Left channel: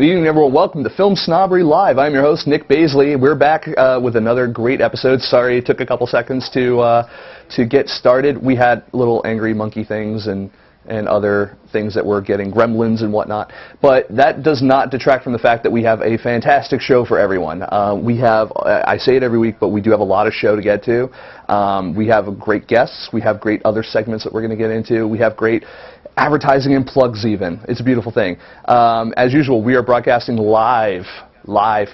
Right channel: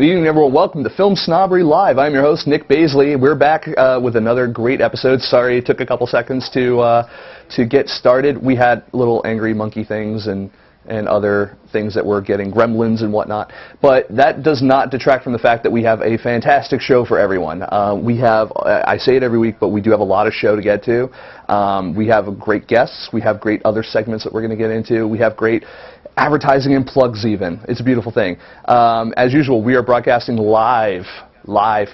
Good evening, everyone. Welcome to Film Snobbery Live. I'm your host, Nick Baisley. We're back with another great episode. Sorry it took a couple seconds to get started. We had little angry monkey things and other things that were getting gremlins and whatnot. But that does not detract from the fact that we have a fantastic show for everyone. We have, I say it every week, but we do have a lot of show to get to. We have great guests. We have great other segments that we're going to get into. We have great advertising and plugs even. It's a beautiful thing. As usual, we are broadcasting live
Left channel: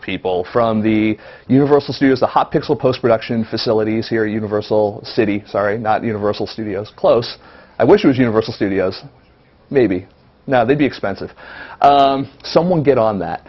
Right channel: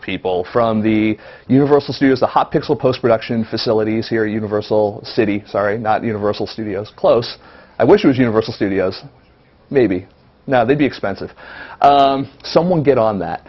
people from the Universal Studios, the Hot Pixel post-production facilities here at Universal City. Sorry, not Universal Studios. Close. I wish it was Universal Studios. Maybe. No, they'd be expensive. Someone get on that.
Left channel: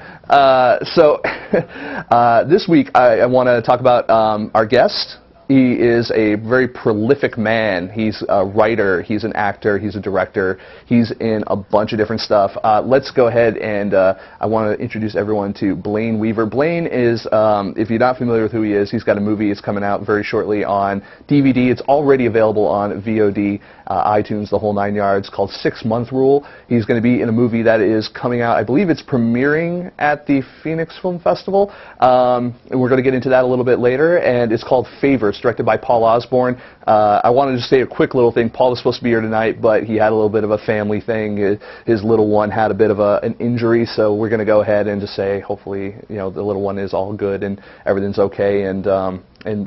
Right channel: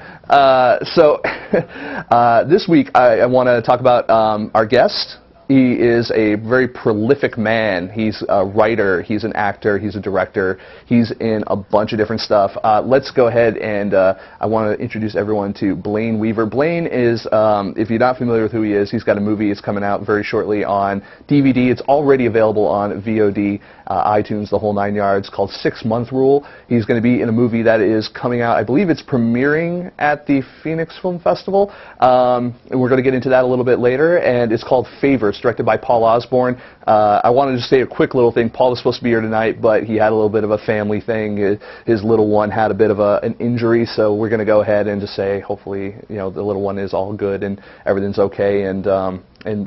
This week I want to talk about our guest. He is a very prolific man. He's a writer, he's an actor, he's a director, he's in a bunch of different stuff. Let's go ahead and I want to introduce everyone to Blayne Weaver. Blayne is, if you're not familiar with who he is, he's got a movie. It's coming out very shortly on DVD. It's already available on VOD, iTunes, the whole 9 yards, called 6 Month Rule. He's going to be in a movie that is coming out, I believe it's premiering at the Phoenix Film Festival. And we're going to get into that a little bit later, and it's called Favors, directed by Paul Osborne. I wanted to say a quick little thing. Paul was supposed to be here tonight, but he had a little bit of a family thing. His little one had a bit of an injury, so we're going to go ahead and just say, hopefully, you know, the little one is all good and everything's okay, and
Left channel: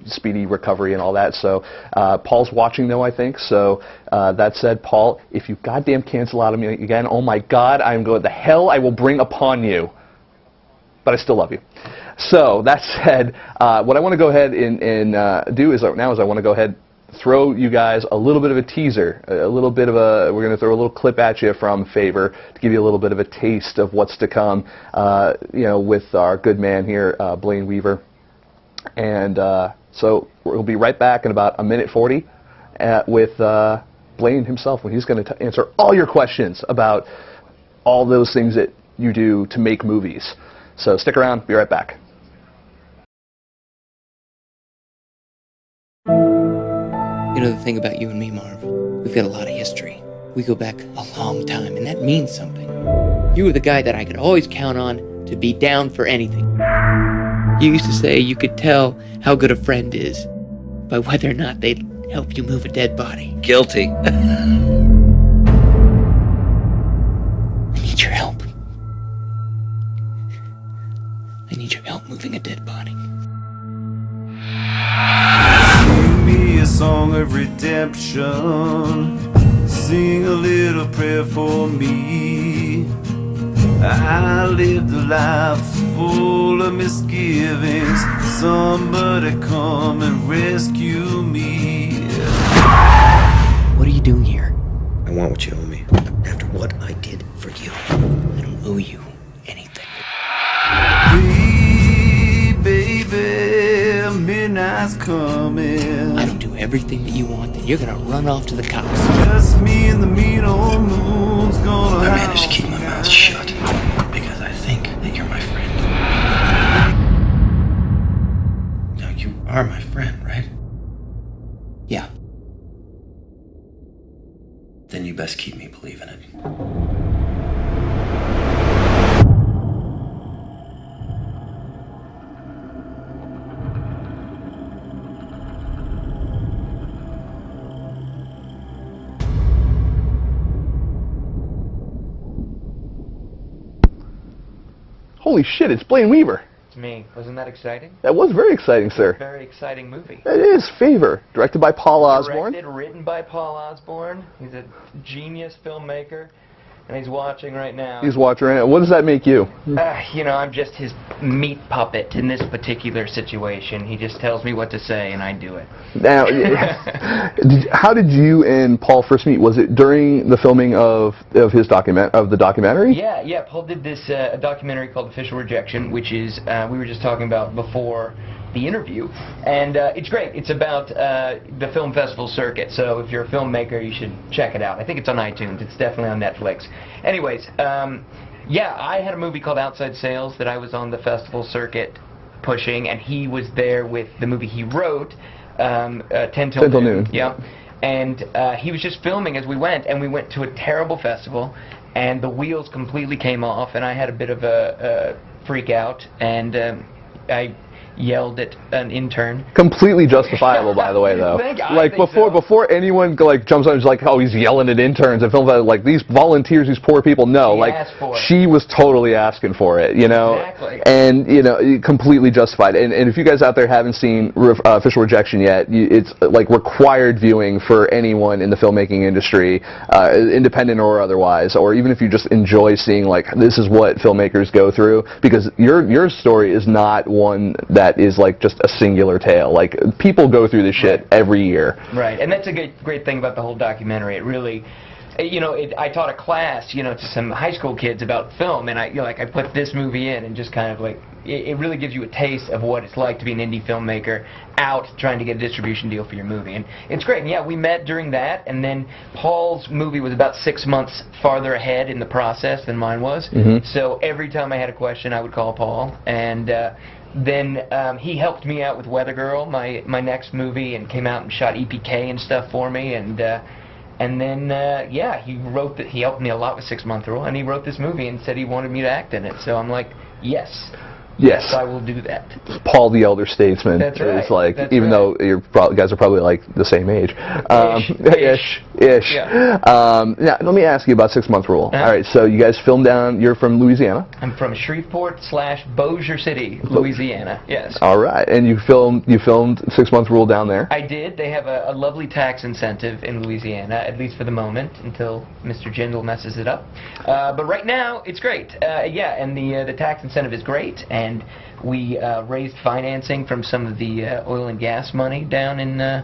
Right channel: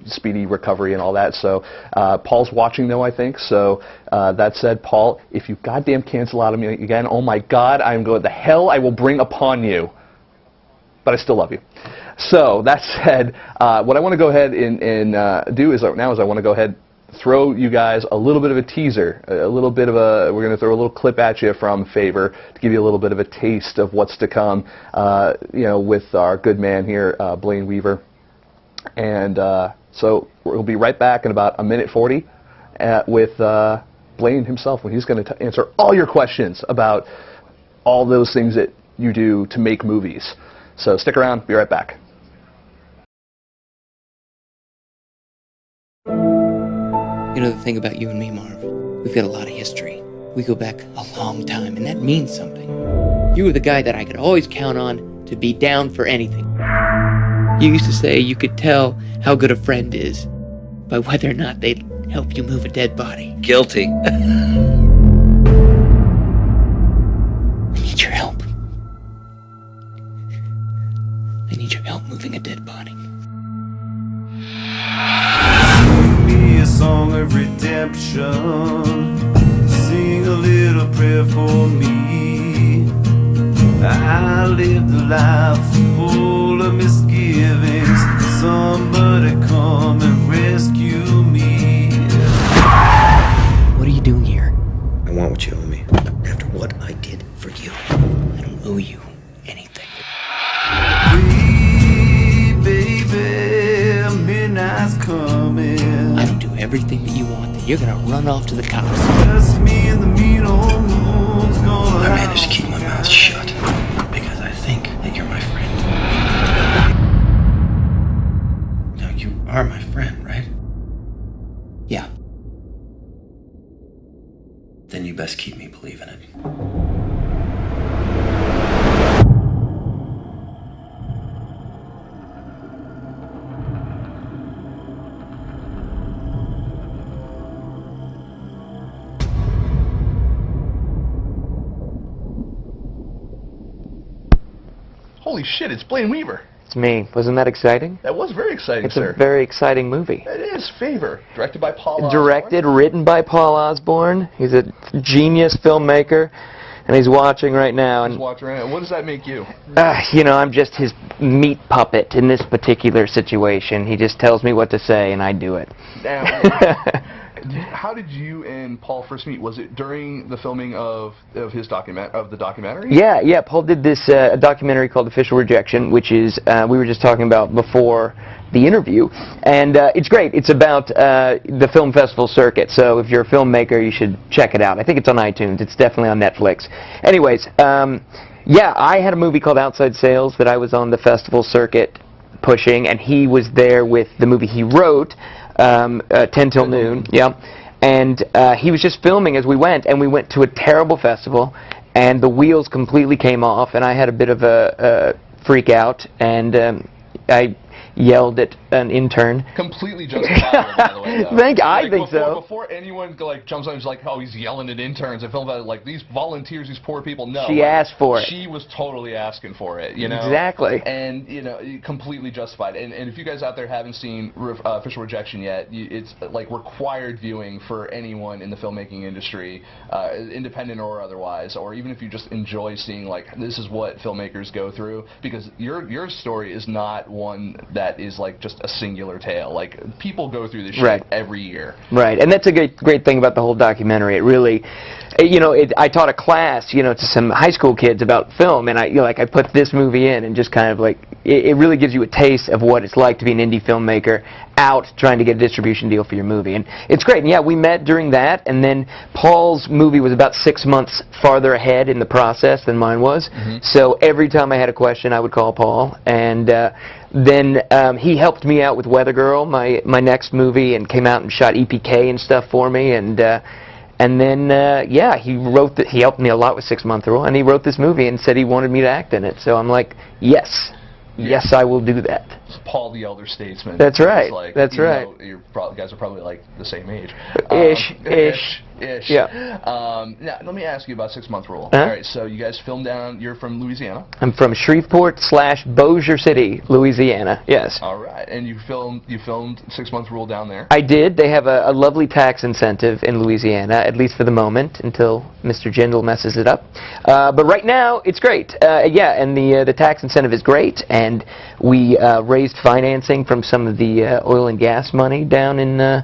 speedy recovery and all that. So Paul's watching though, I think. So that said, Paul, if you goddamn cancel out of me again, oh my God, I'm going, the hell I will bring upon you. But I still love you. So that said, what I want to go ahead and do is I want to go ahead throw you guys a little bit of a teaser, we're going to throw a little clip at you from Favor to give you a little bit of a taste of what's to come, you know, with our good man here, Blayne Weaver. And so we'll be right back in about 1:40 with Blayne himself, when he's going to answer all your questions about all those things that you do to make movies. So stick around, be right back. You know the thing about you and me, Marv? We've got a lot of history. We go back a long time, and that means something. You were the guy that I could always count on to be down for anything. You used to say you could tell how good a friend is by whether or not they'd help you move a dead body. Guilty. I need your help. I need your help moving a dead body. Sing me a song of redemption. Sing a little prayer for me. I lived a life full of misgivings. Somebody come and rescue me. What are you doing here? I want what you owe me. After what I did for you. I don't owe you anything. Baby, midnight's coming. I don't do everything that you want, then you're gonna run off to the cops. Just me and the mean old moon's gonna. I managed to keep my mouth shut because I think that you're my friend. Now, you are my friend, right? Yeah. Then you best keep me believing it. Holy shit, it's Blayne Weaver. It's me. Wasn't that exciting? That was very exciting, It's sir. a very exciting movie. It is Favor, directed by Paul Osborne. Directed, written by Paul Osborne. He's a genius filmmaker, and he's watching right now. He's watching right now. What does that make you? You know, I'm just his meat puppet in this particular situation. He just tells me what to say, and I do it. Now, how did you and Paul first meet? Was it during the filming of the documentary? Yeah. Paul did this documentary called Official Rejection, which is we were just talking about before the interview, and it's great. It's about the film festival circuit, so if you're a filmmaker, you should check it out. I think it's on iTunes. It's definitely on Netflix. Anyways, yeah, I had a movie called Outside Sales that I was on the festival circuit pushing, and he was there with the movie he wrote, 10 Till Noon. Yeah. And he was just filming as we went, and we went to a terrible festival, and the wheels completely came off, and I had a bit of a freak out, and I yelled at an intern. Completely justifiable, by the way, though. I think so. Before anyone like jumps on, it's like, oh, he's yelling at interns and films like these volunteers, these poor people. No, she asked for it. She was totally asking for it, you know. Exactly. And you know, completely justified. And if you guys out there haven't seen Official Rejection yet, it's like required viewing for anyone in the filmmaking industry, independent or otherwise, or even if you just enjoy seeing like this is what filmmakers go through, because your story is not one that is like just a singular tale. Like people go through this shit every year. Right, and that's a great thing about the whole documentary. It really, you know, I taught a class, you know, to some high school kids about film, and I put this movie in, and just kind of like it really gives you a taste of what it's like to be an indie filmmaker out trying to get a distribution deal for your movie, and it's great. And yeah, we met during that, and then Paul's movie was about 6 months farther ahead in the process than mine was. So every time I had a question, I would call Paul, and then he helped me out with Weather Girl, my next movie, and came out and shot EPK and stuff for me, and then yeah, he helped me a lot with 6 Month Rule, and he wrote this movie and said he wanted me to act in it. So I'm like, yes. Yes, I will do that. Paul the Elder Statesman. That's right. It's like, That's even right. though you guys are probably like the same age. Ish. Yeah. Now, let me ask you about 6 Month Rule. All right, so you guys filmed down. You're from Louisiana. I'm from Shreveport/Bossier City, Louisiana. Yes. All right, and you filmed 6 Month Rule down there. I did. They have a lovely tax incentive in Louisiana, at least for the moment, until Mr. Jindal messes it up. But right now, it's great. Yeah, and the tax incentive is great, and we raised financing from some of the oil and gas money down in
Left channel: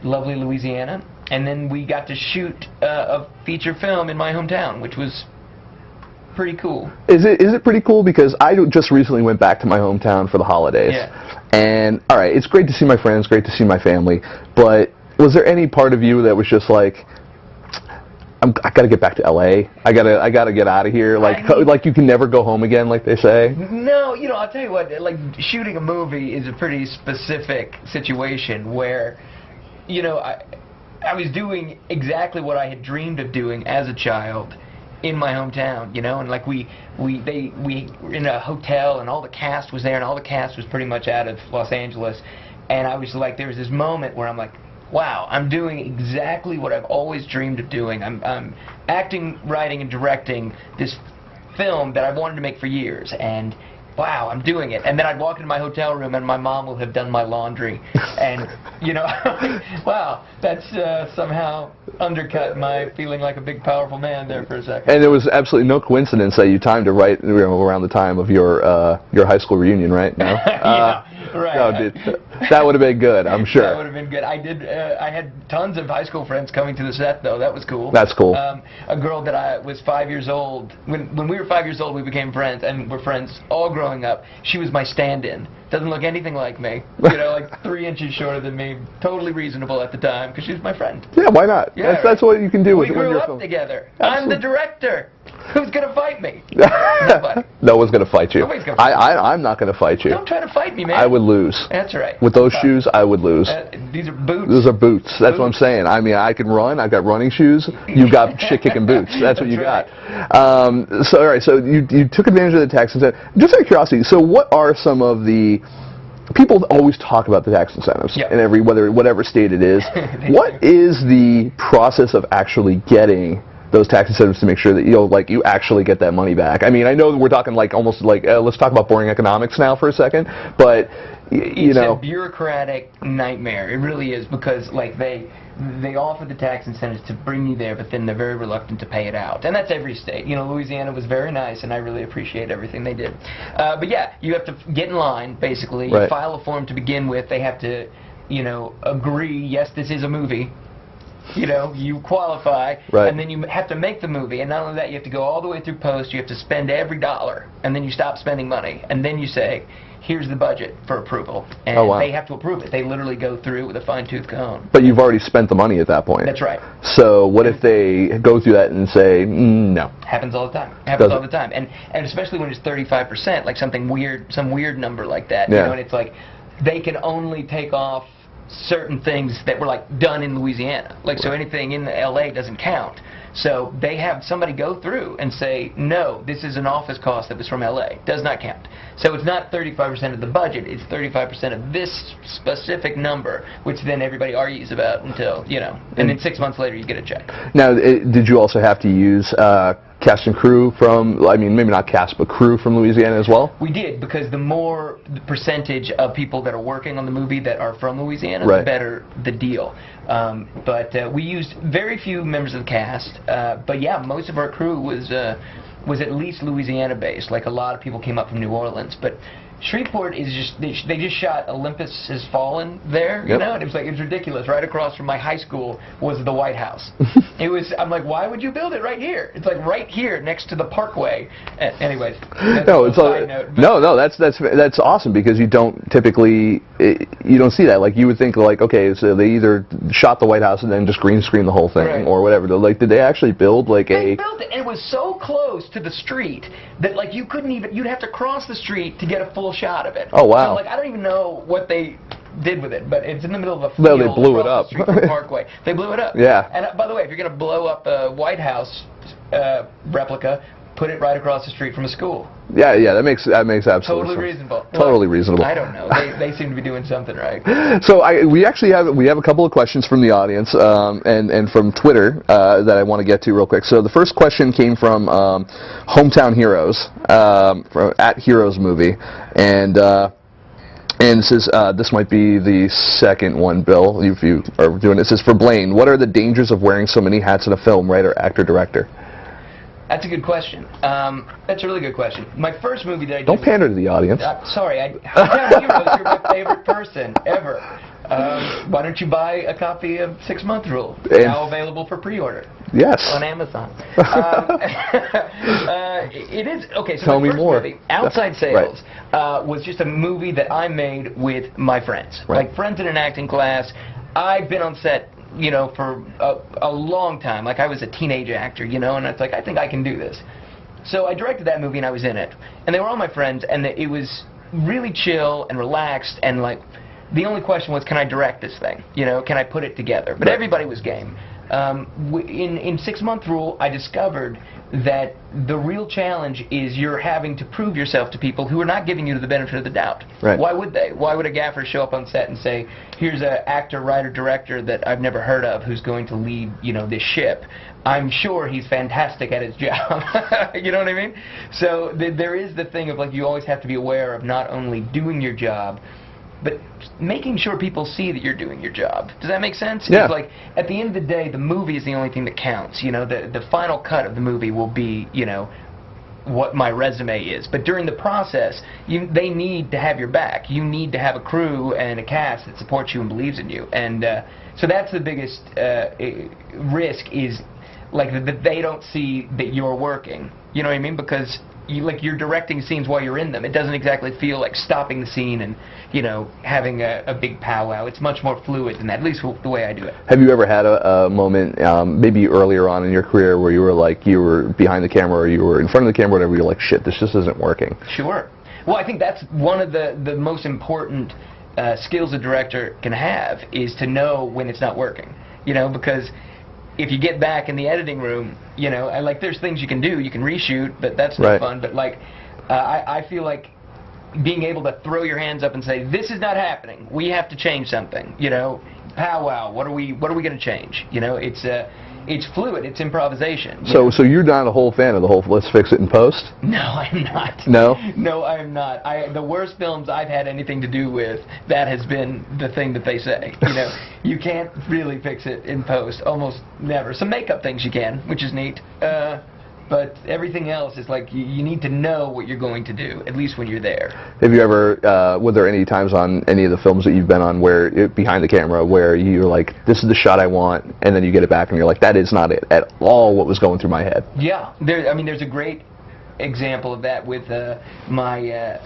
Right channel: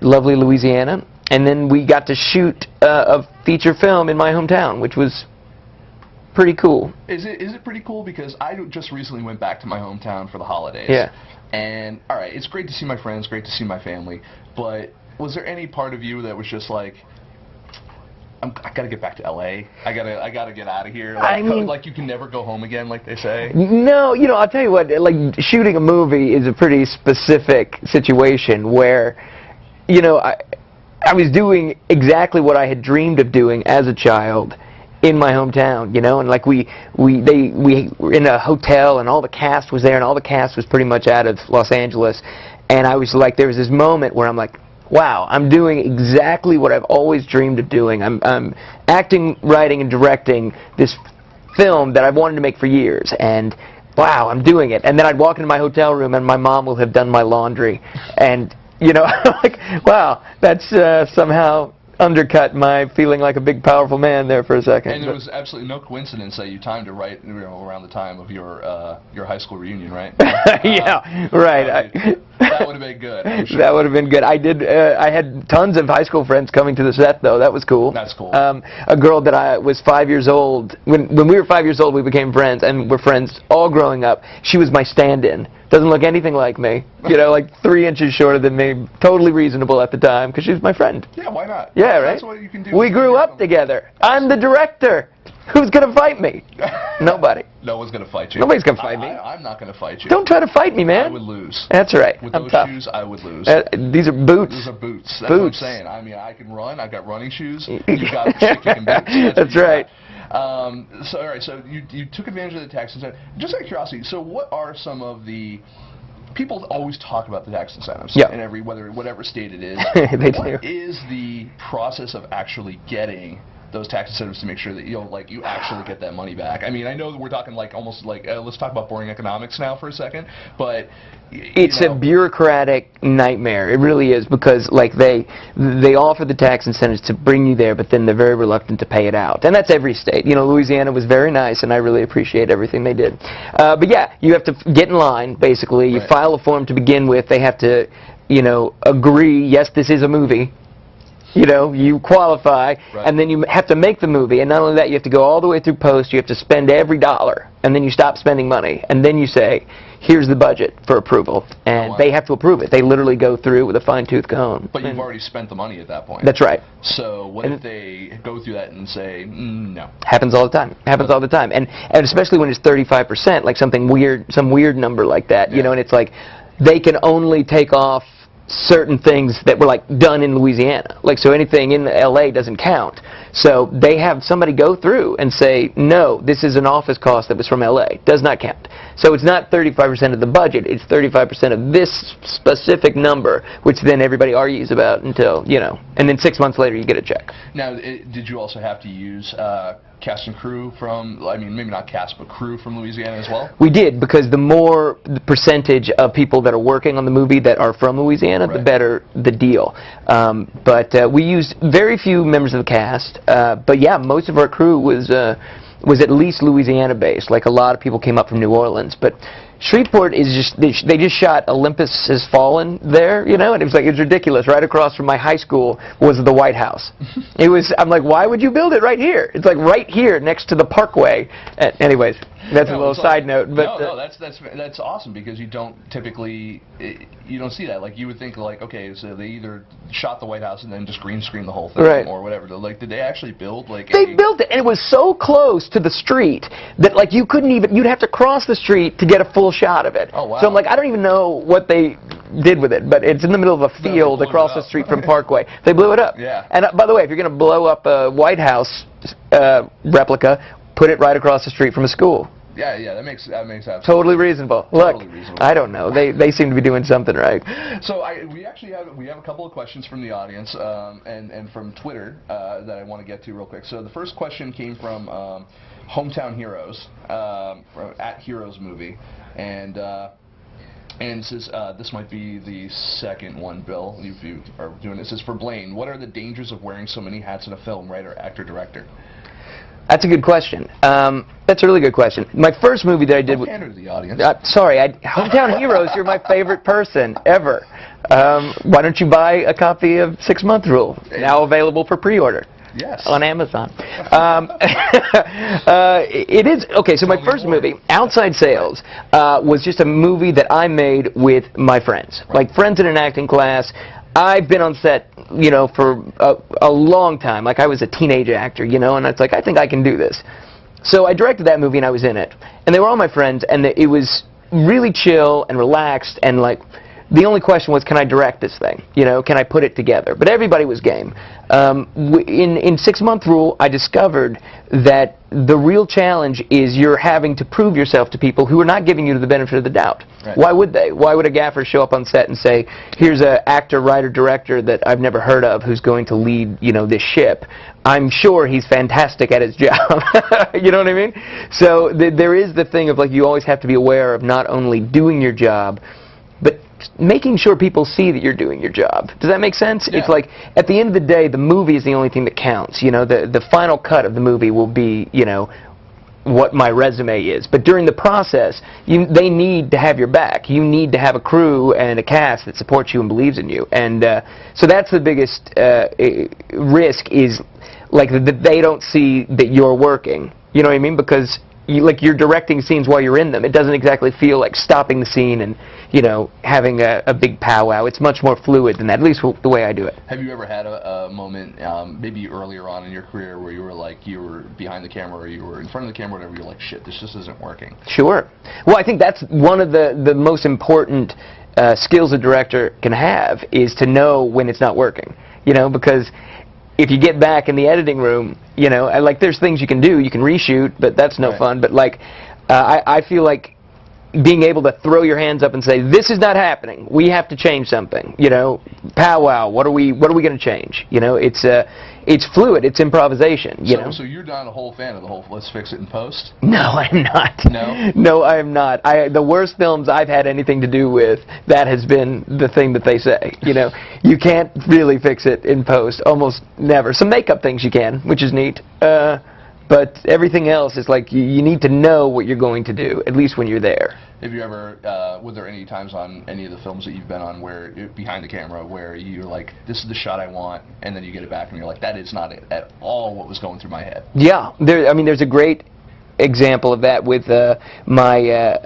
lovely Louisiana, and then we got to shoot a feature film in my hometown, which was pretty cool. Is it pretty cool? Because I just recently went back to my hometown for the holidays. Yeah. And all right, it's great to see my friends, great to see my family, but was there any part of you that was just like, I gotta get back to L.A. I gotta get out of here. Like, I mean, like you can never go home again, like they say. No, you know, I'll tell you what. Like shooting a movie is a pretty specific situation where, you know, I was doing exactly what I had dreamed of doing as a child in my hometown. You know, and like we were in a hotel, and all the cast was there, and all the cast was pretty much out of Los Angeles, and I was like, there was this moment where I'm like, wow, I'm doing exactly what I've always dreamed of doing. I'm acting, writing, and directing this film that I've wanted to make for years, and wow, I'm doing it. And then I'd walk into my hotel room, and my mom will have done my laundry, and you know, like, wow, that's somehow undercut my feeling like a big, powerful man there for a second. And it was absolutely no coincidence that you timed it right around the time of your high school reunion, right? Yeah, right. No, that would have been good, I'm sure. That would have been good. I had tons of high school friends coming to the set, though. That was cool. That's cool. A girl that I was 5 years old, when we were 5 years old, we became friends, and we're friends all growing up. She was my stand-in. Doesn't look anything like me. You know, like 3 inches shorter than me. Totally reasonable at the time, because she's my friend. Yeah, why not? Yeah, that's what you can do. We grew up together. I'm the director. Who's going to fiite me? Nobody. No one's going to fight you. Nobody's going to fight me. I'm not going to fight you. Don't try to fight me, man. I would lose. That's right. With those shoes, I would lose. These are boots. Those are boots. That's what I'm saying. I mean, I can run. I've got running shoes. You've got shit-kicking boots. That's what you right. got. So, all right, so you took advantage of the tax incentive. Just out of curiosity, so what are some of the... People always talk about the tax incentives in every whatever state it is. What is the process of actually getting those tax incentives to make sure that you actually get that money back? I mean, I know we're talking like almost like let's talk about boring economics now for a second, but it's a bureaucratic nightmare. It really is, because like they offer the tax incentives to bring you there, but then they're very reluctant to pay it out. And that's every state. You know, Louisiana was very nice, and I really appreciate everything they did. But yeah, you have to get in line, basically. You file a form to begin with. They have to, you know, agree, yes, this is a movie. You know, you qualify, and then you have to make the movie. And not only that, you have to go all the way through post. You have to spend every dollar, and then you stop spending money. And then you say, here's the budget for approval. And they have to approve it. They literally go through with a fine-tooth comb. But you've already spent the money at that point. That's right. So what if they go through that and say, no? Happens all the time. Happens all the time. And especially when it's 35%, like something weird, some weird number like that. You know, and it's like they can only take off certain things that were like done in Louisiana. Like, so anything in LA doesn't count. So they have somebody go through and say, no, this is an office cost that was from LA. Does not count. So it's not 35% of the budget. It's 35% of this specific number, which then everybody argues about until, you know, and then 6 months later you get a check. Now, did you also have to use cast and crew from, I mean, maybe not cast, but crew from Louisiana as well? We did, because the more the percentage of people that are working on the movie that are from Louisiana, the better the deal. But we used very few members of the cast. But yeah, most of our crew was at least Louisiana based. Like, a lot of people came up from New Orleans, but Shreveport is just, they just shot Olympus Has Fallen there, you know, and it was like, it was ridiculous. Right across from my high school was the White House. It was, I'm like, why would you build it right here? It's like right here next to the Parkway. Anyways, that's a little side note. But no, that's awesome, because you don't typically, you don't see that. Like, you would think, like, okay, so they either shot the White House and then just green screen the whole thing or whatever. Like, did they actually build like They built it, and it was so close to the street that, like, you couldn't even, you'd have to cross the street to get a full shot of it. Oh, wow. So I'm like, I don't even know what they did with it, but it's in the middle of a field across the street from Parkway. They blew it up. Yeah. And by the way, if you're going to blow up a White House replica, put it right across the street from a school. Yeah, that makes absolutely totally sense. Reasonable. Totally Look, reasonable. I don't know. They seem to be doing something right. So we actually have a couple of questions from the audience and from Twitter that I want to get to real quick. So the first question came from Hometown Heroes from @HeroesMovie, and it says this might be the second one, Bill, if you are doing it. It says, for Blayne, what are the dangers of wearing so many hats in a film, writer, actor, director? That's a good question. That's a really good question. My first movie that I did... Don't pander to the audience. Sorry, Hometown Heroes, you're my favorite person ever. Why don't you buy a copy of 6 Month Rule, now available for pre-order? Yes. On Amazon. It is, okay, so my first movie, Outside Sales, was just a movie that I made with my friends. Like, friends in an acting class. I've been on set, you know, for a long time. Like, I was a teenage actor, you know, and I was like, I think I can do this. So I directed that movie, and I was in it. And they were all my friends, and it was really chill and relaxed, and, like, the only question was, can I direct this thing? You know, can I put it together? But everybody was game. In 6 Month Rule, I discovered that the real challenge is you're having to prove yourself to people who are not giving you the benefit of the doubt. Why would they? Why would a gaffer show up on set and say, here's an actor, writer, director that I've never heard of who's going to lead, you know, this ship? I'm sure he's fantastic at his job. You know what I mean? So there is the thing of, like, you always have to be aware of not only doing your job, but making sure people see that you're doing your job. Does that make sense? Yeah. It's like, at the end of the day, the movie is the only thing that counts. You know, the final cut of the movie will be, you know, what my resume is. But during the process, they need to have your back. You need to have a crew and a cast that supports you and believes in you. And so that's the biggest risk, is, like, that they don't see that you're working. You know what I mean? Because you're directing scenes while you're in them. It doesn't exactly feel like stopping the scene and, you know, having a big powwow. It's much more fluid than that, at least the way I do it. Have you ever had a moment, maybe earlier on in your career, where you were like, you were behind the camera or you were in front of the camera, whatever, you're like, shit, this just isn't working? Sure. Well, I think that's one of the most important skills a director can have, is to know when it's not working. You know, because if you get back in the editing room, you know, like, there's things you can do. You can reshoot, but that's no fun. But, like, I feel like being able to throw your hands up and say, this is not happening, we have to change something, you know, powwow, what are we going to change? You know, it's fluid, it's improvisation. So you're not a whole fan of the whole let's fix it in post? No, I'm not. No? No, I am not. The worst films I've had anything to do with, that has been the thing that they say. You know, you can't really fix it in post, almost never. Some makeup things you can, which is neat. But everything else is like, you need to know what you're going to do, at least when you're there. Have you ever, were there any times on any of the films that you've been on where, behind the camera, where you're like, this is the shot I want, and then you get it back and you're like, that is not it at all what was going through my head? Yeah. I mean, there's a great example of that with my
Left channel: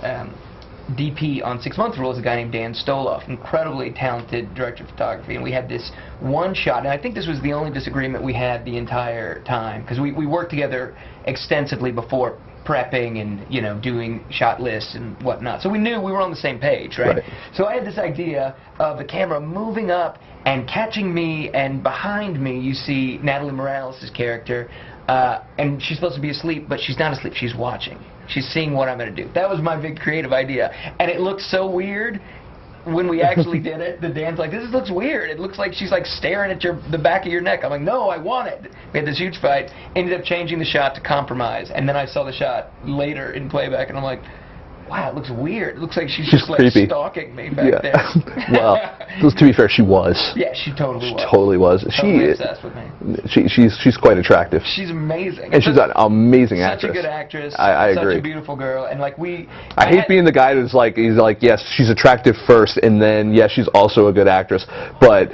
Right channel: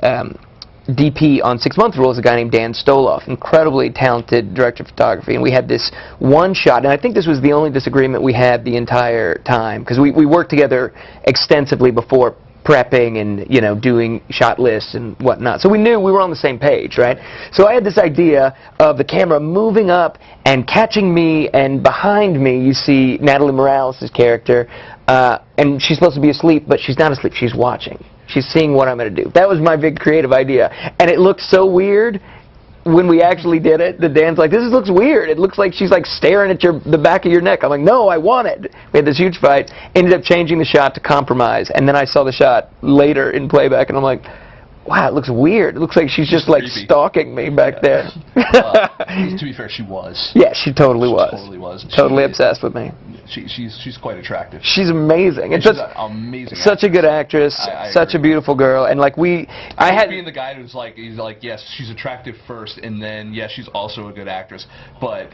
DP on 6 Month Rule is a guy named Dan Stoloff, incredibly talented director of photography, and we had this one shot, and I think this was the only disagreement we had the entire time, because we worked together extensively before prepping and, you know, doing shot lists and whatnot. So we knew we were on the same page, right? So I had this idea of the camera moving up and catching me, and behind me you see Natalie Morales' character, and she's supposed to be asleep, but she's not asleep, she's watching. She's seeing what I'm going to do. That was my big creative idea. And it looked so weird when we actually did it. The Dan's like, this looks weird. It looks like she's like staring at the back of your neck. I'm like, no, I want it. We had this huge fight. Ended up changing the shot to compromise. And then I saw the shot later in playback, and I'm like, wow, it looks weird. It looks like she's just like creepy. Stalking me back there. Well, to be fair, she was. Yeah, she totally was. Totally was. Totally obsessed with me. She's quite attractive. She's amazing. And she's an amazing actress. Such a good actress. I such agree. a beautiful girl. And like I hate being the guy who's like, he's like, yes, she's attractive first, and then yes, she's also a good actress, but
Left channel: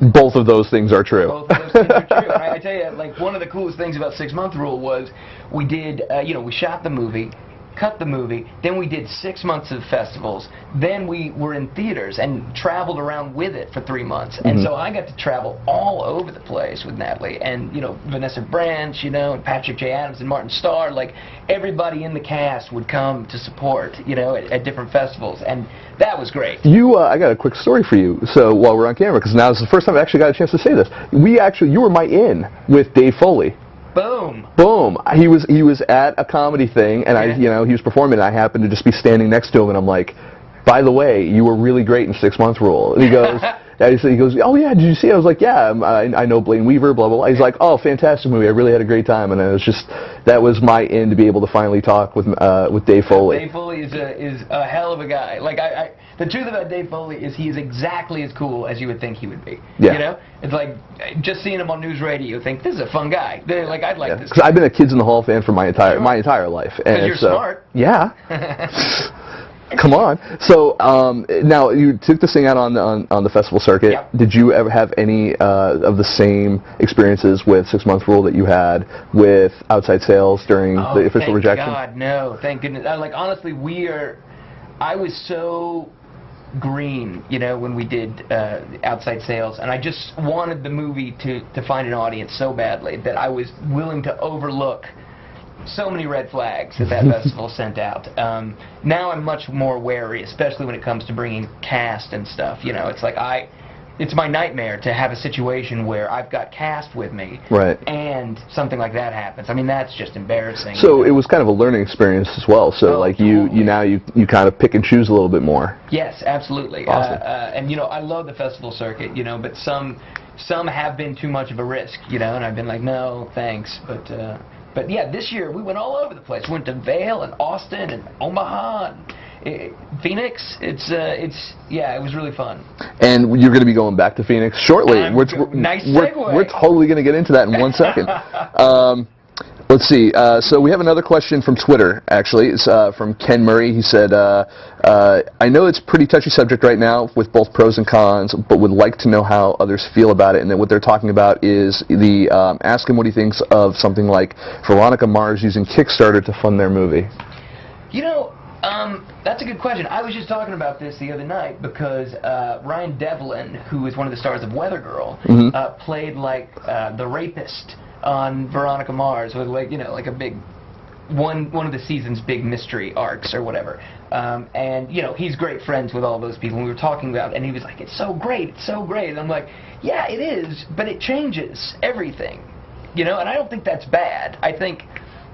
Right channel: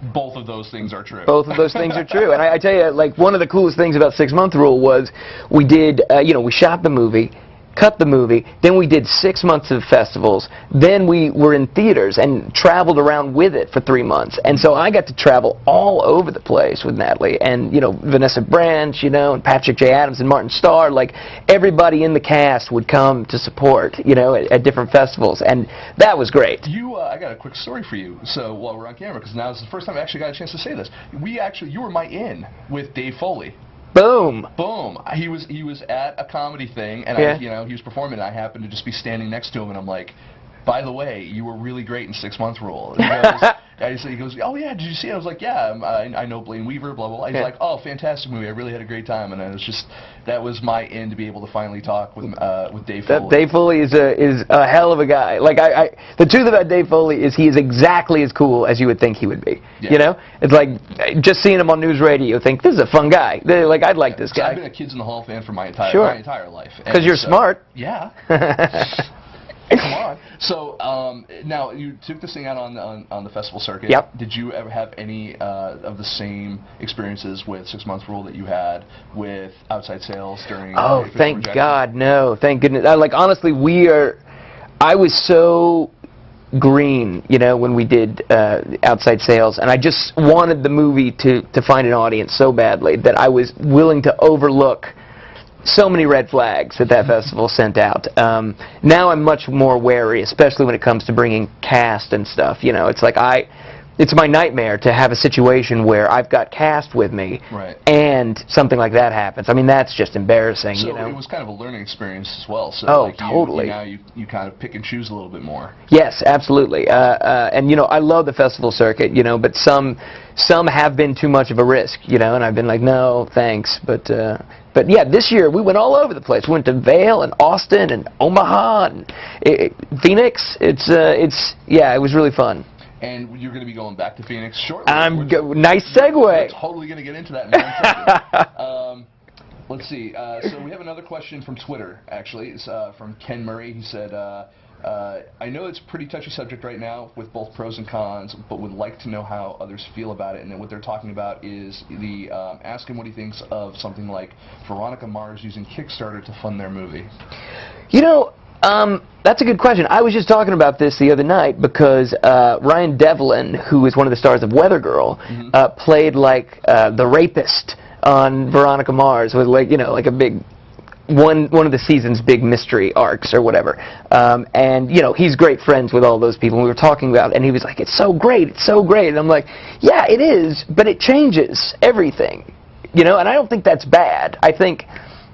both of those things are true. Both of those things are true. And I tell you, like, one of the coolest things about 6 Month Rule was we did, we shot the movie, cut the movie, then we did 6 months of festivals, then we were in theaters and traveled around with it for 3 months. And so I got to travel all over the place with Natalie, and, you know, Vanessa Branch, you know, and Patrick J. Adams and Martin Starr. Like, everybody in the cast would come to support, you know, at different festivals, and that was great. I got a quick story for you. So while we're on camera, because now is the first time I actually got a chance to say this. You were my in with Dave Foley. Boom. Boom. He was at a comedy thing, and he was performing, and I happened to just be standing next to him, and I'm like, by the way, you were really great in 6 Month Rule. And he goes, oh yeah, did you see it? I was like, yeah, I know Blayne Weaver, blah, blah, blah. He's like, oh, fantastic movie. I really had a great time. And it was just, that was my in to be able to finally talk with Dave Foley. Dave Foley is a hell of a guy. Like, the truth about Dave Foley is he is exactly as cool as you would think he would be. Yeah. You know? It's like, just seeing him on news radio, you think, this is a fun guy. Like, I'd like this guy. I've been a Kids in the Hall fan for my entire life. Because you're smart. Yeah. Come on. So now you took this thing out on the festival circuit. Yep. Did you ever have any of the same experiences with 6 Month Rule that you had with outside sales during the official thank rejection? God, no. Thank goodness. Like, honestly, I was so green, you know, when we did outside sales, and I just wanted the movie to find an audience so badly that I was willing to overlook so many red flags that festival sent out. Now I'm much more wary, especially when it comes to bringing cast and stuff. You know, it's like it's my nightmare to have a situation where I've got cast with me, right, and something like that happens. I mean, that's just embarrassing. So you know? it was kind of a learning experience as well. So like totally. you kind of pick and choose a little bit more. Yes, absolutely. Awesome. And you know, I love the festival circuit, you know, but some have been too much of a risk, you know, and I've been like, no, thanks, But yeah, this year we went all over the place. We went to Vail and Austin and Omaha and Phoenix. It was really fun. And you're going to be going back to Phoenix shortly. Nice segue. We're totally going to get into that in 1 second. Let's see. So we have another question from Twitter, actually. It's from Ken Murray. He said, I know it's a pretty touchy subject right now with both pros and cons, but would like to know how others feel about it. And then what they're talking about is ask him what he thinks of something like Veronica Mars using Kickstarter to fund their movie. You know, that's a good question. I was just talking about this the other night because Ryan Devlin, who is one of the stars of Weather Girl, played like the rapist on Veronica Mars with, like, you know, like a big one of the season's big mystery arcs or whatever. And you know, he's great friends with all those people. And we were talking about, and he was like, "It's so great, it's so great." And I'm like, "Yeah, it is, but it changes everything." You know, and I don't think that's bad. I think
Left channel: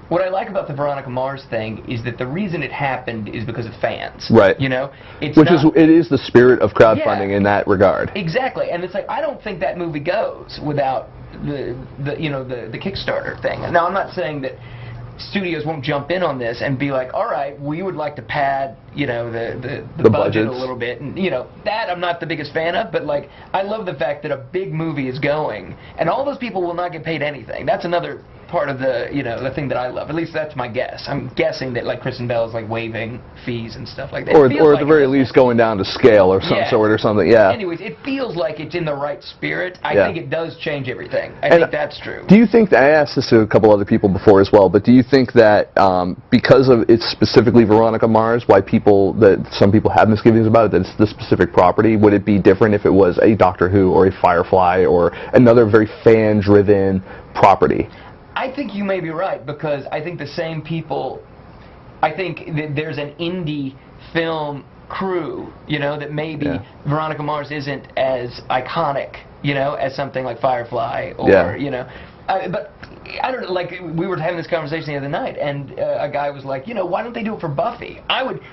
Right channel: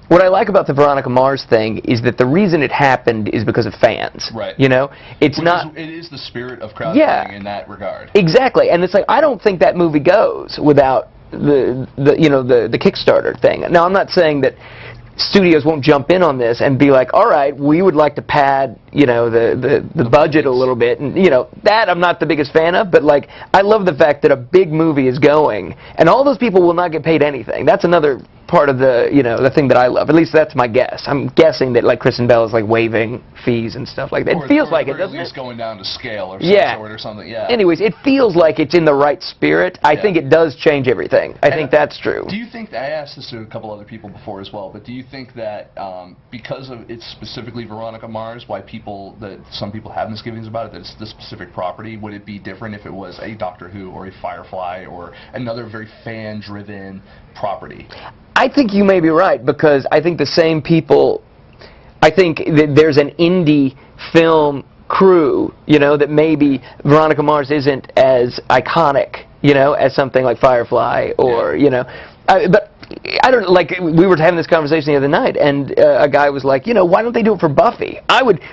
what I like about the Veronica Mars thing is that the reason it happened is because of fans. Right. You know, it is the spirit of crowdfunding in that regard. Exactly. And it's like, I don't think that movie goes without the Kickstarter thing. Now, I'm not saying that studios won't jump in on this and be like, all right, we would like to pad, you know, the budget a little bit, and, you know, that I'm not the biggest fan of, but, like, I love the fact that a big movie is going, and all those people will not get paid anything. That's another part of the, you know, the thing that I love. At least that's my guess. I'm guessing that, like, Kristen Bell is, like, waiving fees and stuff like that. Or, it feels or like at the very least going down to scale or some sort or something, yeah. Anyways, it feels like it's in the right spirit. I think it does change everything. I think that's true. Do you think that, I asked this to a couple other people before as well, but do you think that because of it's specifically Veronica Mars, why some people have misgivings about it, that it's the specific property, would it be different if it was a Doctor Who or a Firefly or another very fan-driven property? I think you may be right, because I think the same people, I think that there's an indie film crew, you know, that maybe Veronica Mars isn't as iconic, you know, as something like Firefly or, you know, but I don't, like, we were having this conversation the other night, and a guy was like, you know, why don't they do it for Buffy?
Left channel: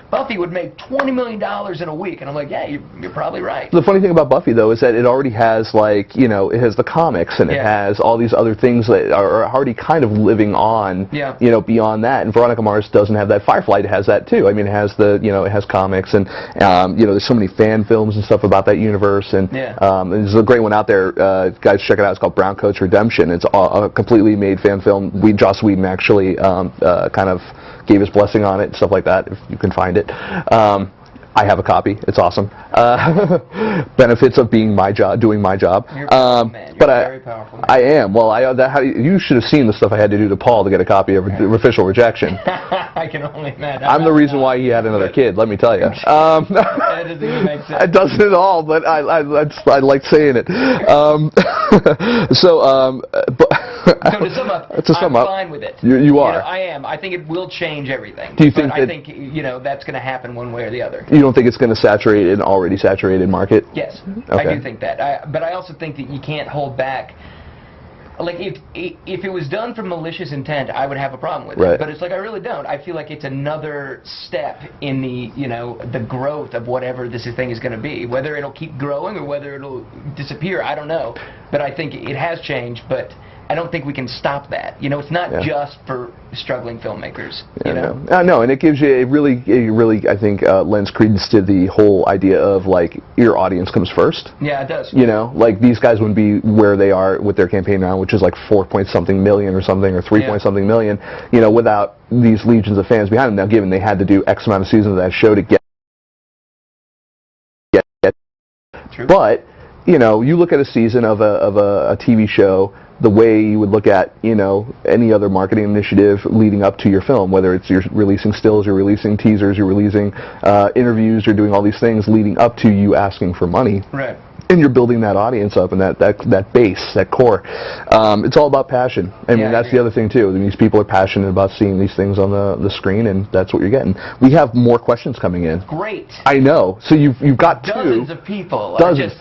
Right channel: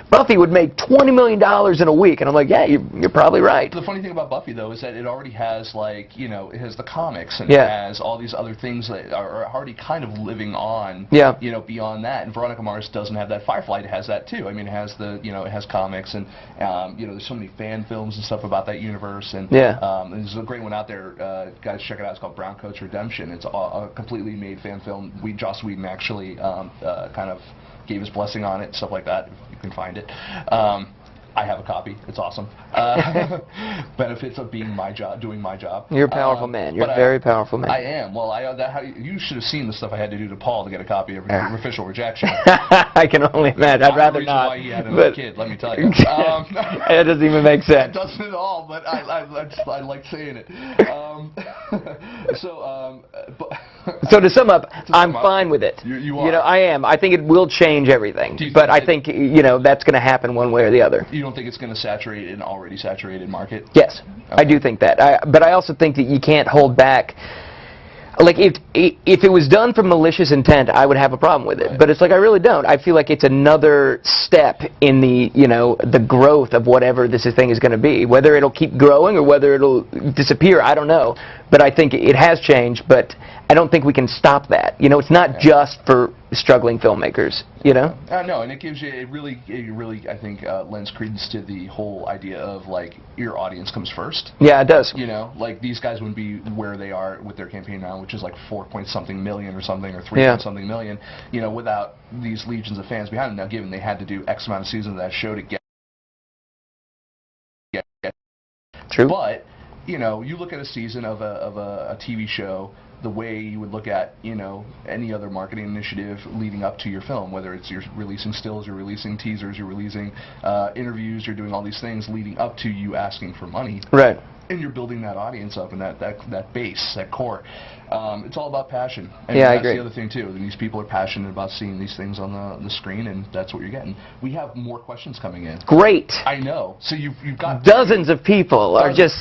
Buffy would make $20 million in a week, and I'm like, yeah, you're probably right. The funny thing about Buffy, though, is that it already has, like, you know, it has the comics, and it has all these other things that are already kind of living on, you know, beyond that, and Veronica Mars doesn't have that. Firefly has that, too. I mean, it has the, you know, it has comics, and, you know, there's so many fan films and stuff about that universe, and there's a great one out there, guys, check it out, it's called Browncoat's Redemption. It's a completely made fan film. Joss Whedon actually kind of gave his blessing on it and stuff like that, if you can find it. I have a copy. It's awesome. Benefits of being doing my job. You're a powerful man. You're a very powerful man. I am. Well, you should have seen the stuff I had to do to Paul to get a copy of Official Rejection. I can only imagine. I'm the reason why he had another kid, let me tell you. It doesn't even make sense. It doesn't at all, but I like saying it. So to sum up, I'm fine with it. You are. You know, I am. I think it will change everything. Do you think I think, you know, that's going to happen one way or the other. You don't think it's going to saturate an already saturated market? Yes, okay. I do think that. But I also think that you can't hold back. Like, if it was done from malicious intent, I would have a problem with it. Right. But it's like, I really don't. I feel like it's another step in the, you know, the growth of whatever this thing is going to be. Whether it'll keep growing or whether it'll disappear, I don't know. But I think it has changed, but I don't think we can stop that. You know, it's not just for struggling filmmakers, you know? No, and it gives you it really, I think, lends credence to the whole idea of, like, your audience comes first. Yeah, it does. You know, like, these guys wouldn't be where they are with their campaign now, which is like 4-point-something million or something, or 3-point-something million, you know, without these legions of fans behind them. Now, given they had to do X amount of seasons of that show to get True. But, you know, you look at a season of a TV show the way you would look at, you know, any other marketing initiative leading up to your film, whether it's you're releasing stills, you're releasing teasers, you're releasing interviews, you're doing all these things leading up to you asking for money. Right. And you're building that audience up and that base, that core. It's all about passion. I mean, that's the other thing, too. And these people are passionate about seeing these things on the screen, and that's what you're getting. We have more questions coming in. Great. I know. So you've got dozens of people are just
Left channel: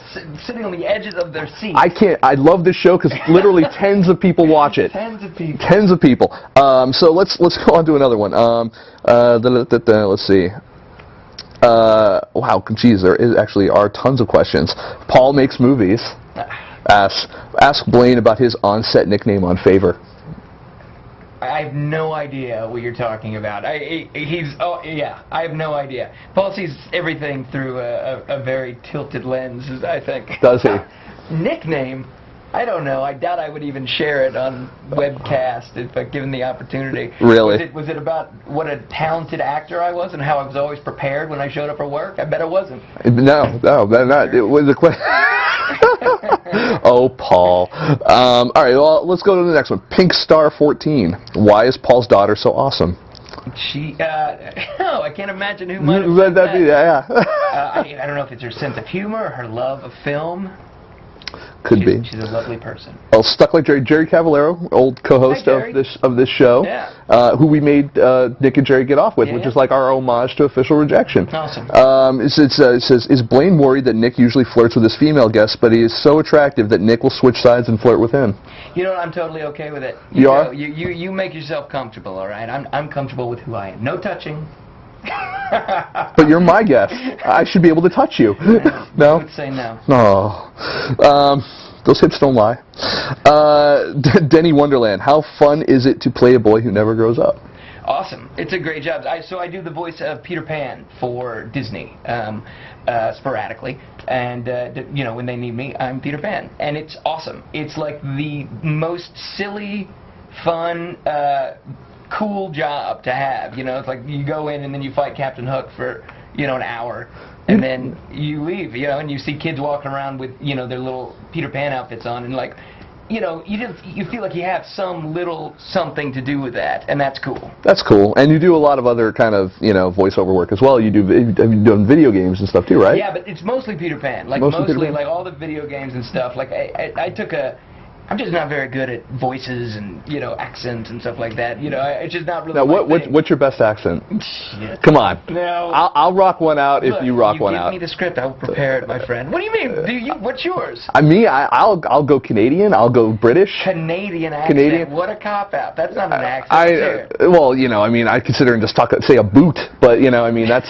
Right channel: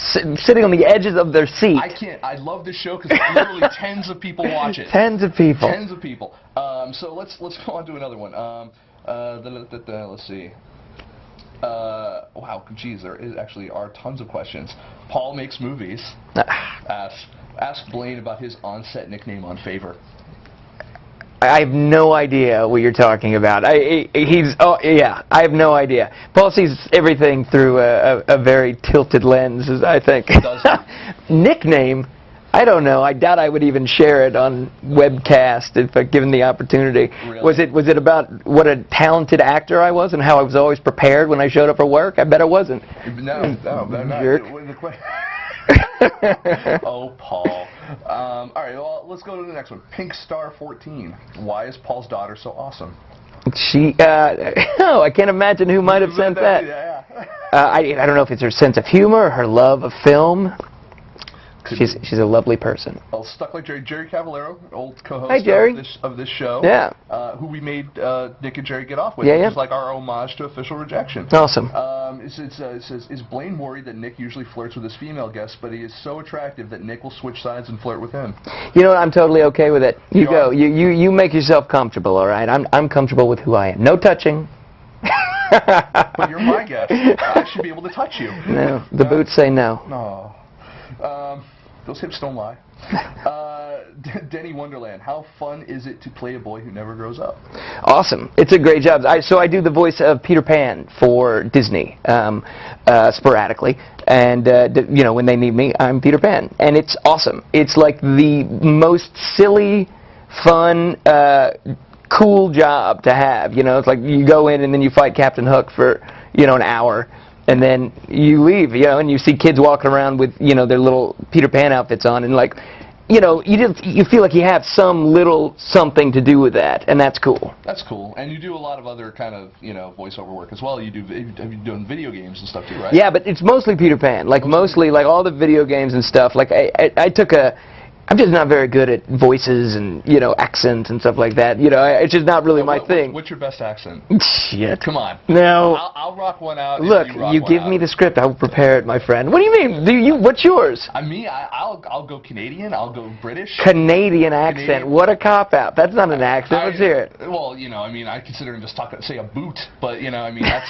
sitting on the edges of their seats. I love this show because literally tens of people watch it. Tens of people. Tens of people. So let's go on to another one. Let's see. Wow, geez, there actually are tons of questions. Paul makes movies. Ask Blayne about his on-set nickname on Favor. I have no idea what you're talking about. I have no idea. Paul sees everything through a very tilted lens, I think. Does he? Nickname? I don't know. I doubt I would even share it on webcast if given the opportunity. Really? Was it about what a talented actor I was and how I was always prepared when I showed up for work? I bet it wasn't. No, not. It was the question. Oh, Paul. All right, well, let's go to the next one. Pink Star 14. Why is Paul's daughter so awesome? I can't imagine who might have said that. Yeah. I don't know if it's her sense of humor or her love of film. Could be. She's a lovely person. Well, Stuck Like Jerry Cavallero, old co-host of this show, who we made Nick and Jerry get off with, which is like our homage to Official Rejection. Awesome. It says, is Blayne worried that Nick usually flirts with his female guests, but he is so attractive that Nick will switch sides and flirt with him? You know what? I'm totally okay with it. You are? You make yourself comfortable, all right? I'm comfortable with who I am. No touching. But you're my guest. I should be able to touch you. No, the boots say no. No. Those hips don't lie. Denny Wonderland, how fun is it to play a boy who never grows up? Awesome. It's a great job. So I do the voice of Peter Pan for Disney sporadically. And, you know, when they need me, I'm Peter Pan. And it's awesome. It's like the most silly, fun, cool job to have. You know, it's like you go in and then you fight Captain Hook for, you know, an hour. And then you leave, you know, and you see kids walking around with, you know, their little Peter Pan outfits on, and like, you know, you feel like you have some little something to do with that, and that's cool. That's cool, and you do a lot of other kind of, you know, voiceover work as well. You've done video games and stuff too, right? Yeah, but it's mostly Peter Pan. Like mostly like all the video games and stuff. Like I took a I'm just not very good at voices and, you know, accents and stuff like that. You know, it's just not really my thing. What's your best accent? Shit. Come on. No. I'll rock one out Look, if you rock one out. you give me the script, I'll prepare it, my friend. What do you mean? What's yours? I'll go Canadian. I'll go British. Canadian accent. Canadian. What a cop-out. That's not an accent. Let's hear it. Well, you know, I mean, I consider and just say a boot, but, you know, I mean, that's,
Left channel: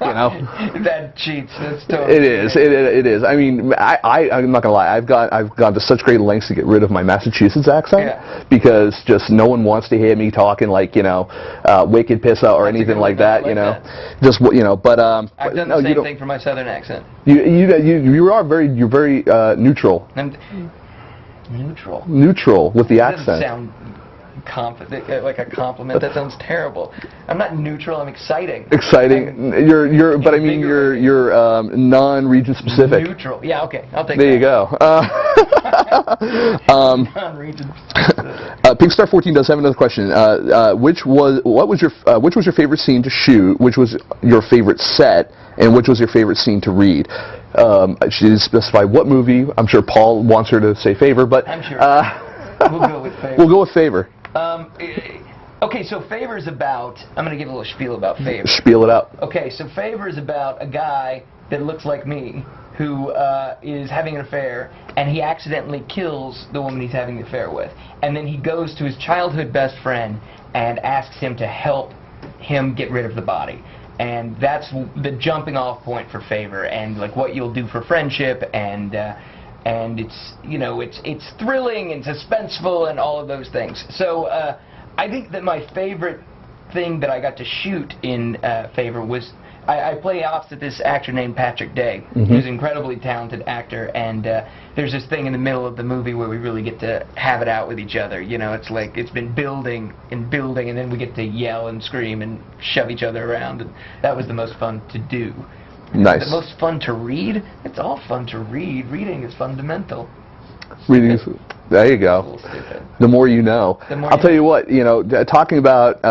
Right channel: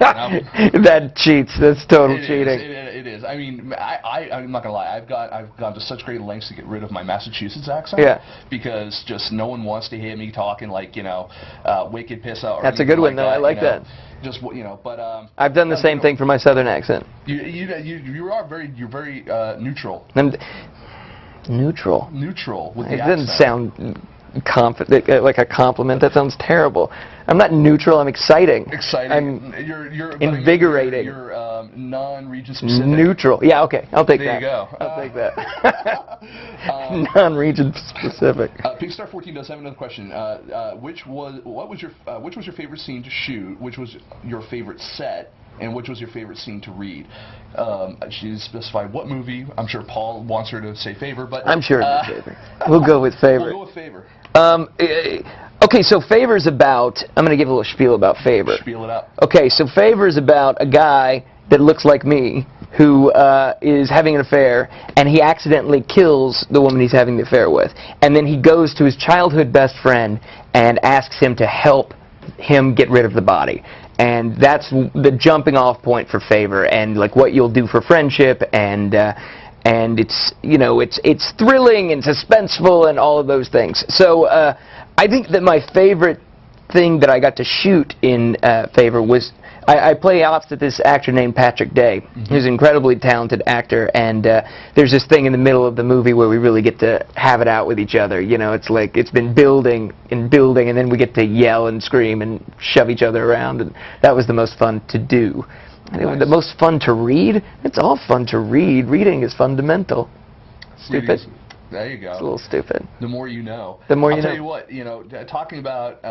you know. That cheats. That's totally It is. I mean, I'm not going to lie. I've gone to such great lengths to get rid of my Massachusetts accent because just no one wants to hear me talking like, you know, wicked pissa or anything like that, you know. Just, you know, but I've done the same thing for my southern accent. You're very neutral. And neutral. Neutral with the accent. That doesn't sound confident, like a compliment. That sounds terrible. I'm not neutral. I'm exciting. Exciting. But I mean, you're non-region specific. Neutral. Yeah. Okay. I'll take that. There you go. Non-region specific. Pigstar14 does have another question. Which was your favorite scene to shoot? Which was your favorite set? And which was your favorite scene to read? She didn't specify what movie. I'm sure Paul wants her to say Favor, but I'm sure. We'll go with Favor. We'll go with Favor. Okay, so Favor's about, I'm going to give a little spiel about Favor. Spiel it up. Okay, so Favor's about a guy that looks like me who is having an affair, and he accidentally kills the woman he's having the affair with. And then he goes to his childhood best friend and asks him to help him get rid of the body. And that's the jumping off point for Favor, and like what you'll do for friendship, and it's, you know, it's thrilling and suspenseful and all of those things. So I think that my favorite thing that I got to shoot in Favor was I play opposite this actor named Patrick Day, who's an incredibly talented actor, and there's this thing in the middle of the movie where we really get to have it out with each other. You know, it's like it's been building and building, and then we get to yell and scream and shove each other around, and that was the most fun to do. Nice. The most fun to read? It's all fun to read. Reading is fundamental. There you go. It's a little stupid. The more you know. The more I'll tell you what, you know, talking about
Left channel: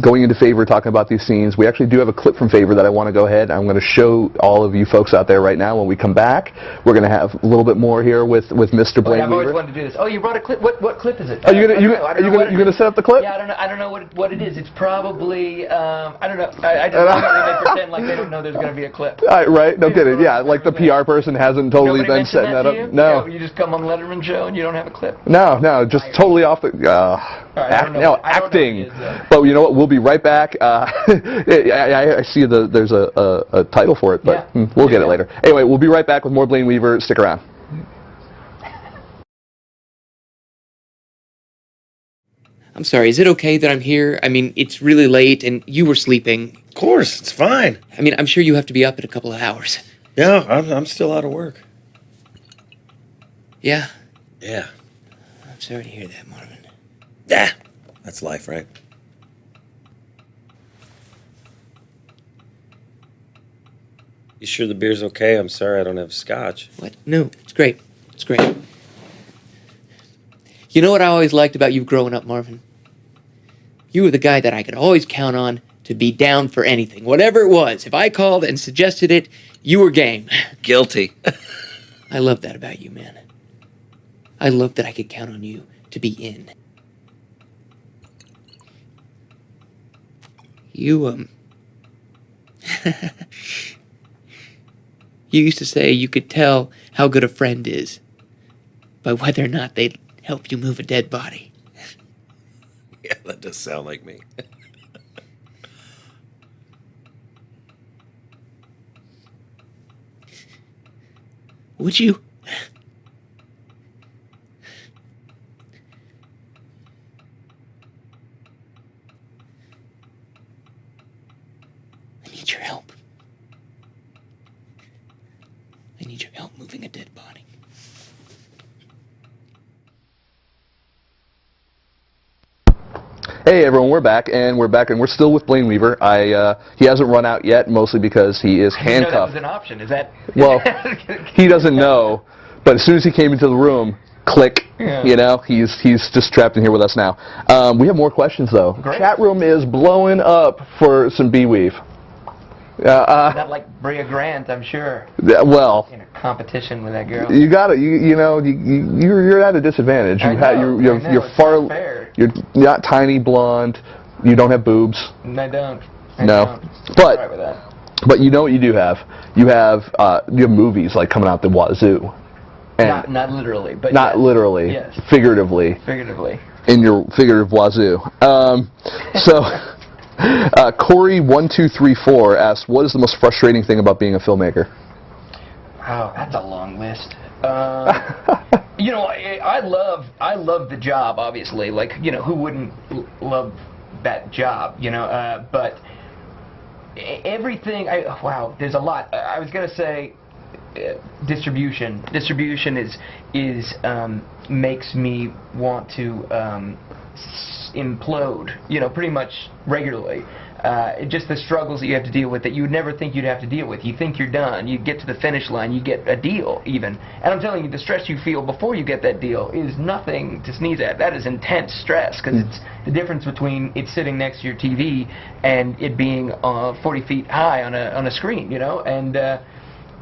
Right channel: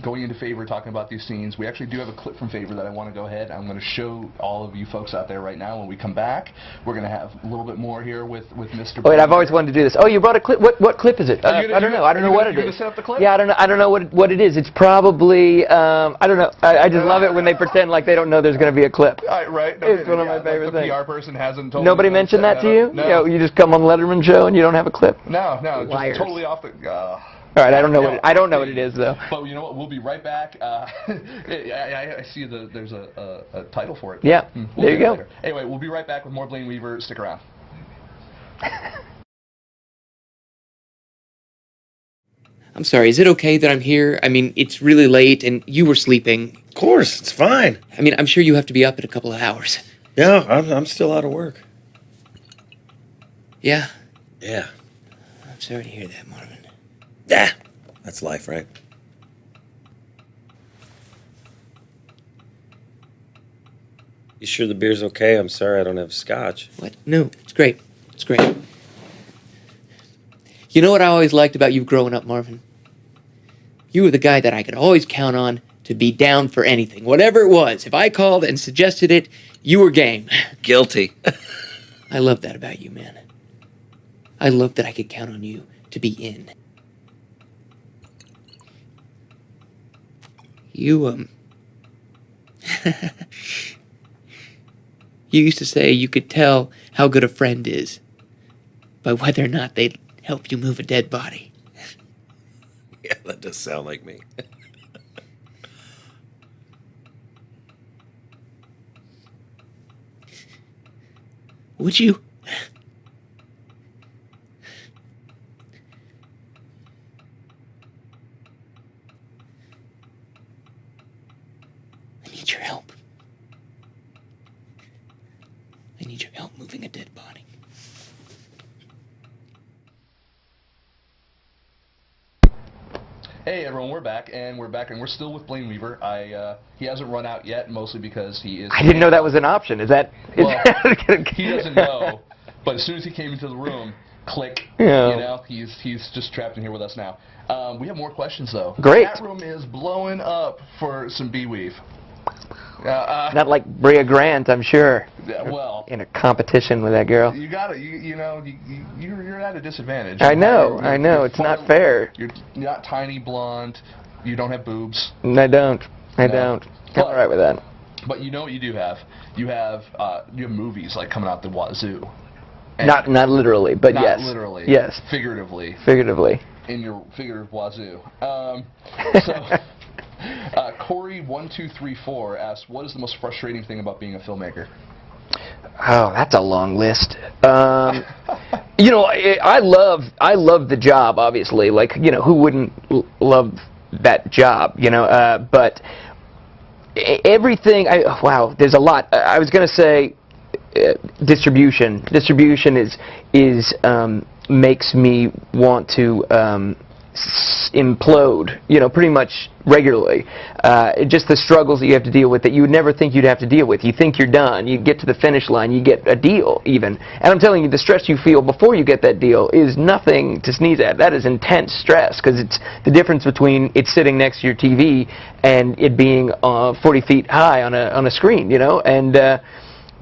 going into Favor, talking about these scenes, we actually do have a clip from Favor that I want to go ahead. I'm going to show all of you folks out there right now. When we come back, we're going to have a little bit more here with Mr. Blayne. Wait, I've always wanted to do this. Oh, you brought a clip. What clip is it? Are you going to set up the clip? Yeah, I don't know what it is. It's probably I don't know. I just love it when they pretend like they don't know there's going to be a clip. Right? No kidding. Yeah, like the PR person hasn't totally. Nobody mentioned that to you? No. You just come on Letterman show and you don't have a clip. No, just totally off the. All right, I don't know. What it is though. But you know what? We'll be right back. I see there's a title for it. But yeah, we'll get it later. Anyway, we'll be right back with more Blayne Weaver. Stick around. I'm sorry, is it okay that I'm here? I mean, it's really late and you were sleeping. Of course, it's fine. I mean, I'm sure you have to be up in a couple of hours. Yeah, I'm still out of work. Yeah? Yeah. I'm sorry to hear that, Marvin. Yeah, that's life, right? You sure the beer's okay? I'm sorry I don't have scotch. What? No, it's great. It's great. You know what I always liked about you growing up, Marvin? You were the guy that I could always count on to be down for anything. Whatever it was. If I called and suggested it, you were game. Guilty. I love that about you, man. I love that I could count on you to be in. You used to say you could tell how good a friend is by whether or not they'd help you move a dead body. Yeah, that does sound like me. Would you? I need your help. I need your help moving a dead body. Hey everyone, we're back, and we're still with Blayne Weaver. He hasn't run out yet, mostly because he is handcuffed. I didn't know that was an option. Is that? Well, he doesn't know, but as soon as he came into the room, click, you know, he's just trapped in here with us now. We have more questions though. Great. Chat room is blowing up for some B-Weave. Not like Brea Grant, I'm sure. Well, In a competition with that girl. you got to you're at a disadvantage. I know. You're It's not fair. You're not tiny, blonde. You don't have boobs. I don't. I No. don't. But- I'm right with that. But you know what you do have? You have movies like coming out the wazoo. And Not literally, but not yes. literally. Yes. Figuratively. Figuratively. In your figurative wazoo. So, Corey1234 asks, what is the most frustrating thing about being a filmmaker? Oh, that's a long list. You know, I love the job, obviously. Like, you know, who wouldn't love that job, you know? But everything, wow, there's a lot. I was going to say distribution. Distribution is makes me want to implode, you know, pretty much regularly. Just the struggles that you have to deal with that you would never think you'd have to deal with. You think you're done, you get to the finish line, you get a deal even. And I'm telling you, the stress you feel before you get that deal is nothing to sneeze at. That is intense stress, because it's the difference between it sitting next to your TV and it being 40 feet high on a screen, you know. And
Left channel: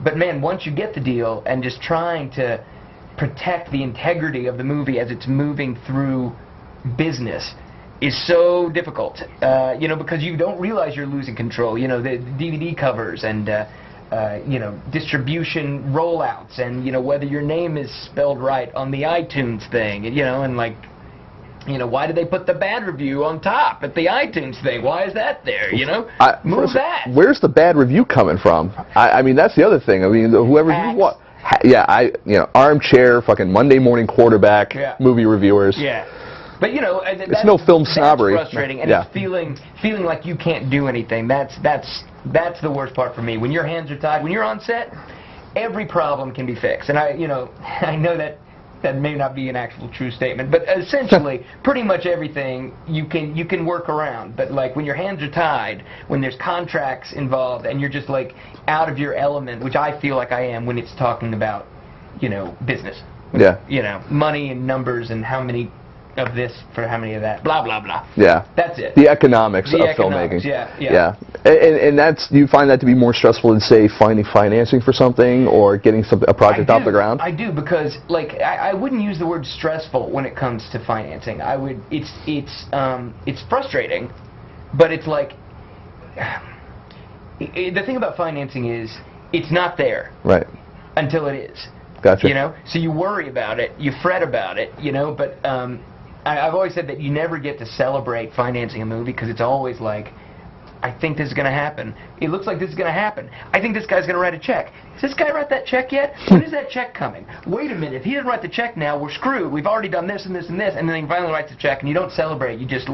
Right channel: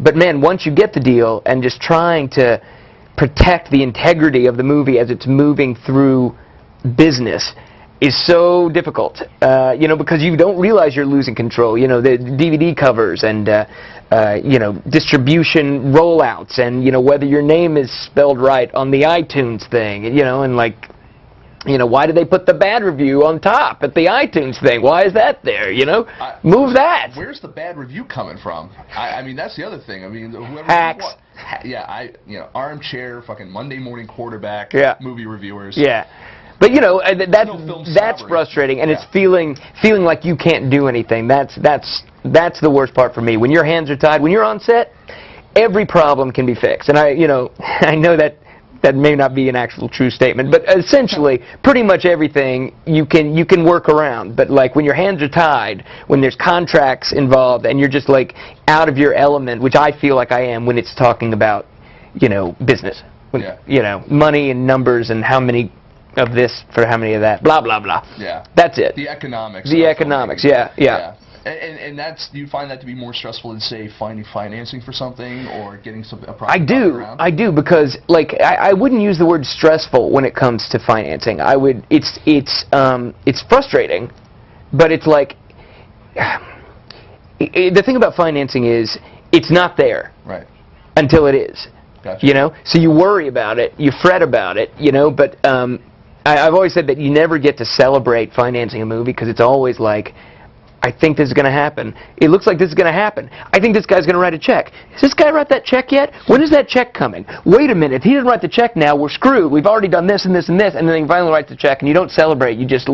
but man, once you get the deal and just trying to protect the integrity of the movie as it's moving through business is so difficult, you know, because you don't realize you're losing control. You know, the DVD covers and you know, distribution rollouts, and you know, whether your name is spelled right on the iTunes thing, you know, and like, you know, why did they put the bad review on top at the iTunes thing? Why is that there? You know, move that. Where's the bad review coming from? I mean, that's the other thing. I mean, whoever Hacks. you want. Yeah, you know, armchair, fucking Monday morning quarterback, movie reviewers. Yeah. But you know, that's no film that's snobbery. frustrating, and it's feeling like you can't do anything. That's the worst part for me. When your hands are tied, when you're on set, every problem can be fixed. And I know that may not be an actual true statement, but essentially, pretty much everything you can work around. But like when your hands are tied, when there's contracts involved, and you're just like out of your element, which I feel like I am when it's talking about, you know, business. Yeah. You know, money and numbers and how many of this for how many of that, blah blah blah. Yeah, that's it. The economics. The of economics. filmmaking. Yeah. And that's, you find that to be more stressful than say finding financing for something or getting a project off the ground. I do, because like I wouldn't use the word stressful when it comes to financing. I would. It's frustrating, but it's like the thing about financing is it's not there until it is. Gotcha. You know, so you worry about it, you fret about it, you know, but I've always said that you never get to celebrate financing a movie, because it's always like, I think this is going to happen. It looks like this is going to happen. I think this guy's going to write a check. Has this guy write that check yet? When is that check coming? Wait a minute, if he doesn't write the check now, we're screwed. We've already done this and this and this, and then he finally writes the check, and you don't celebrate. You just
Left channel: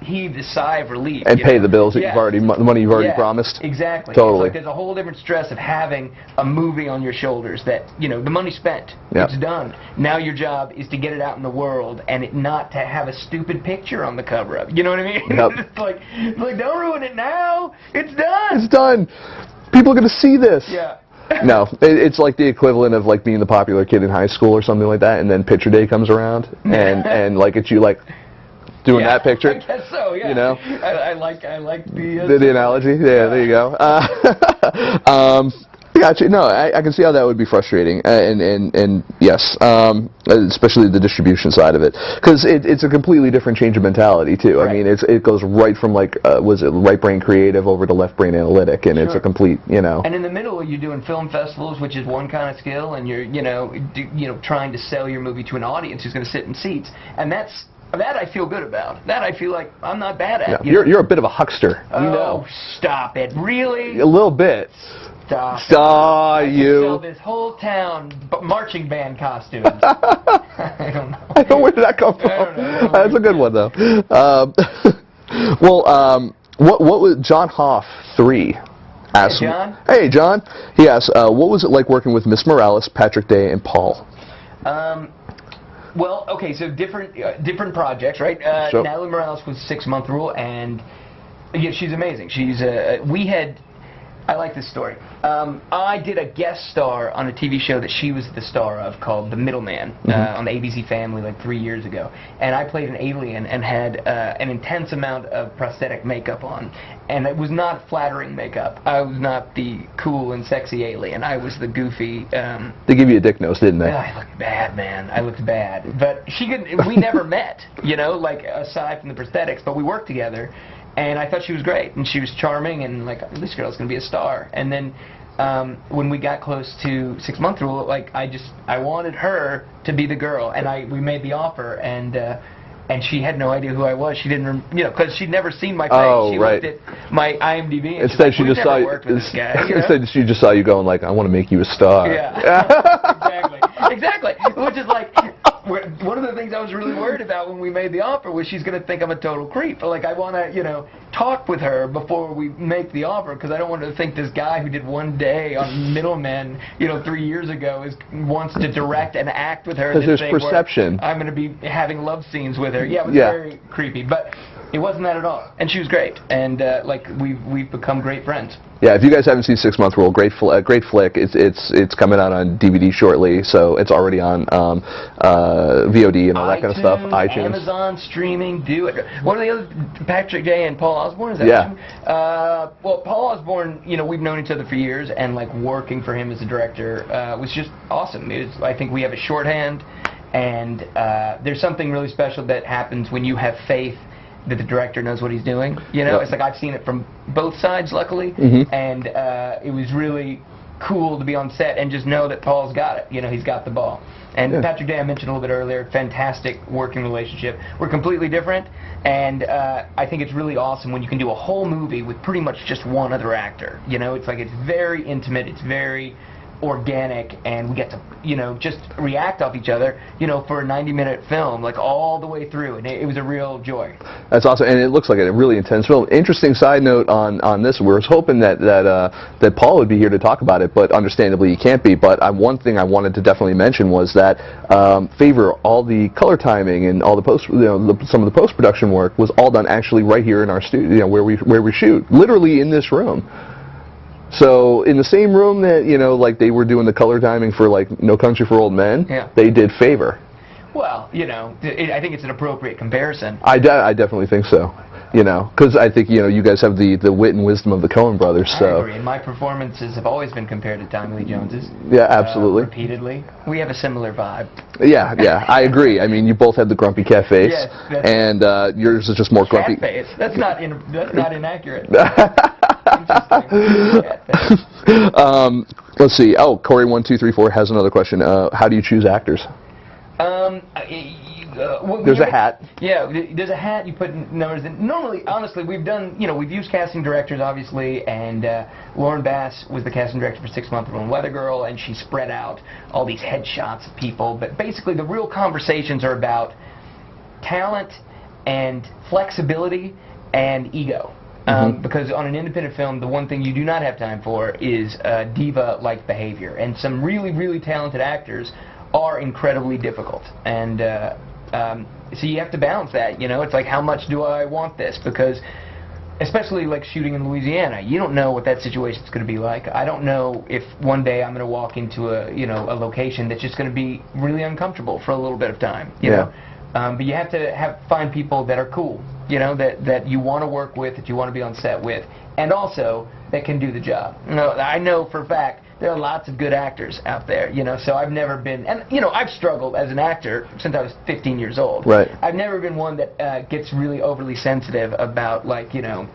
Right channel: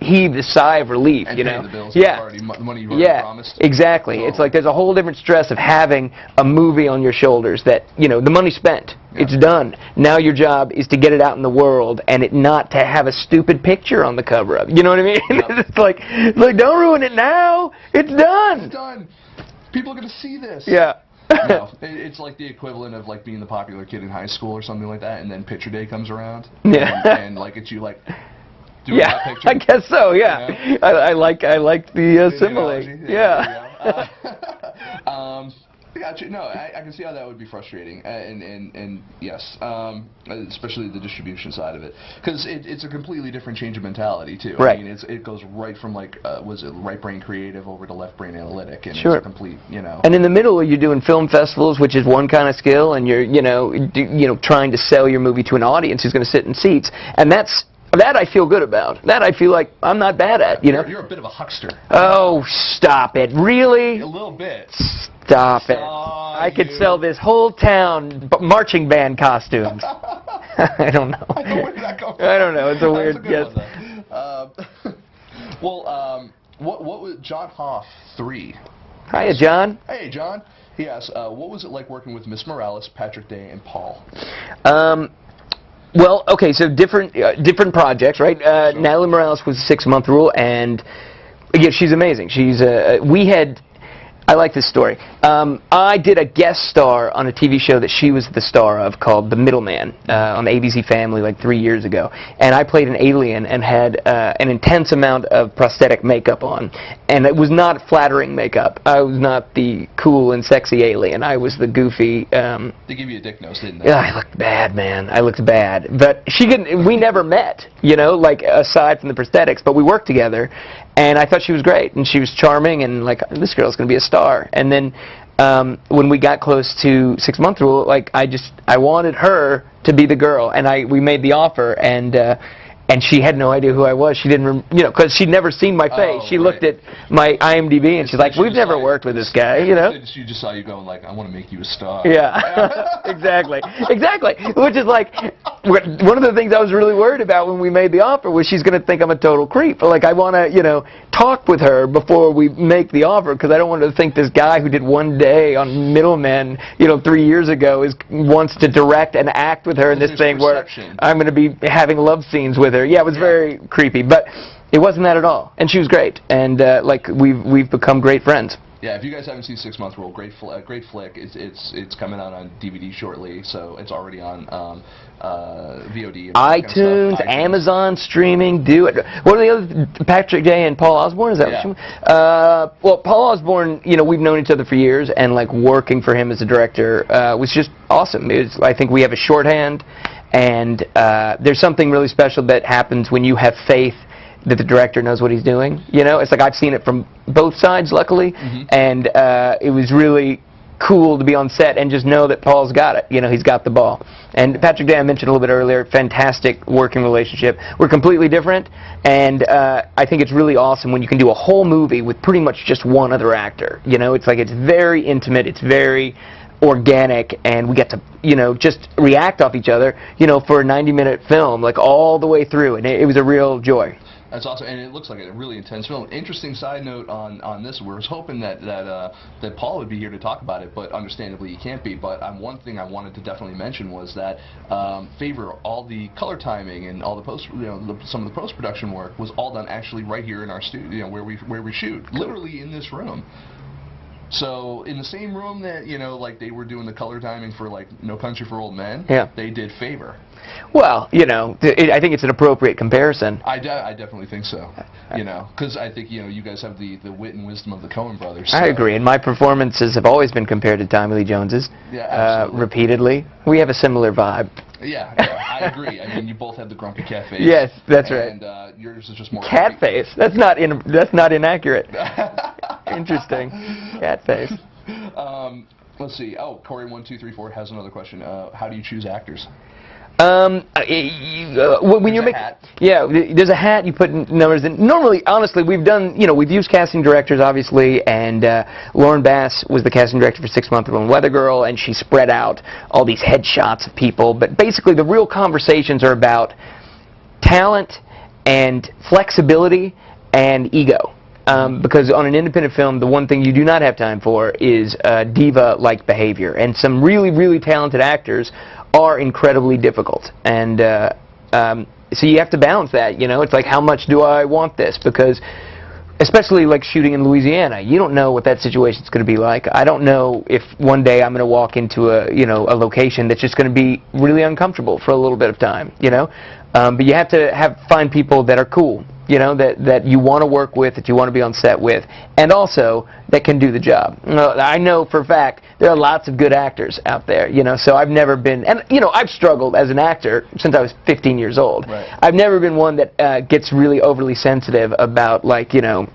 heave the sigh of relief. And pay the bills that the money you've already promised. Exactly. Totally. It's like there's a whole different stress of having a movie on your shoulders that, you know, the money's spent. It's done. Now your job is to get it out in the world and it not to have a stupid picture on the cover of it. You know what I mean? It's like don't ruin it now. It's done. It's done. People are going to see this. Yeah. No, it's like the equivalent of like being the popular kid in high school or something like that, and then picture day comes around, and like it's you like doing that picture. I guess so. Yeah. You know? I like the analogy. Yeah, there you go. Gotcha. No, I can see how that would be frustrating, and yes, especially the distribution side of it, because it's a completely different change of mentality too. Right. I mean, it goes right from like was it right brain creative over to left brain analytic, and it's a complete, you know. And in the middle, you're doing film festivals, which is one kind of skill, and you're trying to sell your movie to an audience who's going to sit in seats, and that I feel good about. That I feel like I'm not bad at. Yeah, you're a bit of a huckster. Oh, stop it! Really? A little bit. Stop it. I could sell this whole town marching band costumes. I don't know. Where did that come from? I don't know. That's a good one, though. Well, what was John Hoff 3? Hey, John. Hey, John. He asked, what was it like working with Miss Morales, Patrick Day, and Paul? Well, okay, so different projects, right? Sure. Natalie Morales was 6-month rule, and yeah, she's amazing. She's I like this story. I did a guest star on a TV show that she was the star of called The Middleman on the ABC Family like 3 years ago. And I played an alien and had an intense amount of prosthetic makeup on. And it was not flattering makeup. I was not the cool and sexy alien. I was the goofy... They give you a dick nose, didn't they? I looked bad, man. I looked bad. But we never met, you know, like aside from the prosthetics, but we worked together. And I thought she was great, and she was charming, and like, this girl's going to be a star. And then when we got close to 6 Month Rule, like, I wanted her to be the girl, and we made the offer, and she had no idea who I was. She didn't, you know, because she'd never seen my face. Oh, she right. looked at my IMDb, and she's like, we've never worked with this guy. You know? She just saw you going like, I want to make you a star. Yeah, exactly. Which is like, one of the things I was really worried about when we made the offer was she's going to think I'm a total creep. Like, I want to, you know, talk with her before we make the offer, because I don't want her to think this guy who did one day on Middlemen, you know, 3 years ago wants to direct and act with her in this thing perception. where I'm going to be having love scenes with her. Yeah, it was very creepy, but it wasn't that at all. And she was great, and like we've become great friends. Yeah, if you guys haven't seen 6 Month Rule, great flick. It's coming out on DVD shortly, so it's already on VOD and all that kind of stuff. iTunes, Amazon streaming, do it. What are the other? Patrick Day and Paul Osborne? Is that what you mean? Well, Paul Osborne, you know, we've known each other for years, and like working for him as a director was just awesome. I think we have a shorthand, and there's something really special that happens when you have faith that the director knows what he's doing. You know, it's like I've seen it from both sides, luckily, and it was really cool to be on set and just know that Paul's got it. You know, he's got the ball. And Patrick Day, I mentioned a little bit earlier, fantastic working relationship. We're completely different, and I think it's really awesome when you can do a whole movie with pretty much just one other actor. You know, it's like it's very intimate, it's very organic, and we get to, you know, just react off each other, you know, for a 90-minute film, like all the way through, and it was a real joy. That's awesome, and it looks like a really intense film. Interesting side note on this, we were hoping that Paul would be here to talk about it, but understandably he can't be. But one thing I wanted to definitely mention was that Favor, all the color timing and all the some of the post-production work was all done actually right here in our studio, you know, where we shoot, literally in this room. So in the same room that, you know, like they were doing the color timing for like No Country for Old Men, they did Favor. Well, you know, I think it's an appropriate comparison. I definitely think so. You know, because I think, you know, you guys have the wit and wisdom of the Coen brothers. So. I agree, and my performances have always been compared to Tommy Lee Jones's. Yeah, absolutely. Repeatedly. We have a similar vibe. Yeah, I agree. I mean, you both have the grumpy cat face. Yes, that's and yours is just more cat grumpy. Face. That's not inaccurate. Interesting. Cat face. Let's see. Oh, Corey1234 has another question. How do you choose actors? There's a hat. Yeah, there's a hat. You put numbers in. Normally, honestly, we've done, you know, we've used casting directors, obviously, and Lauren Bass was the casting director for 6 Month Rule and Weather Girl, and she spread out all these headshots of people. But basically, the real conversations are about talent and flexibility and ego. Because on an independent film, the one thing you do not have time for is diva-like behavior. And some really, really talented actors are incredibly difficult. And so you have to balance that, you know. It's like, how much do I want this? Because especially like shooting in Louisiana, you don't know what that situation's going to be like. I don't know if one day I'm going to walk into a location that's just going to be really uncomfortable for a little bit of time, you know. But you have to find people that are cool, you know, that you want to work with, that you want to be on set with, and also that can do the job. I know for a fact there are lots of good actors out there, you know, so I've never been, and you know, I've struggled as an actor since I was 15 years old. Right. I've never been one that gets really overly sensitive about, like, you know,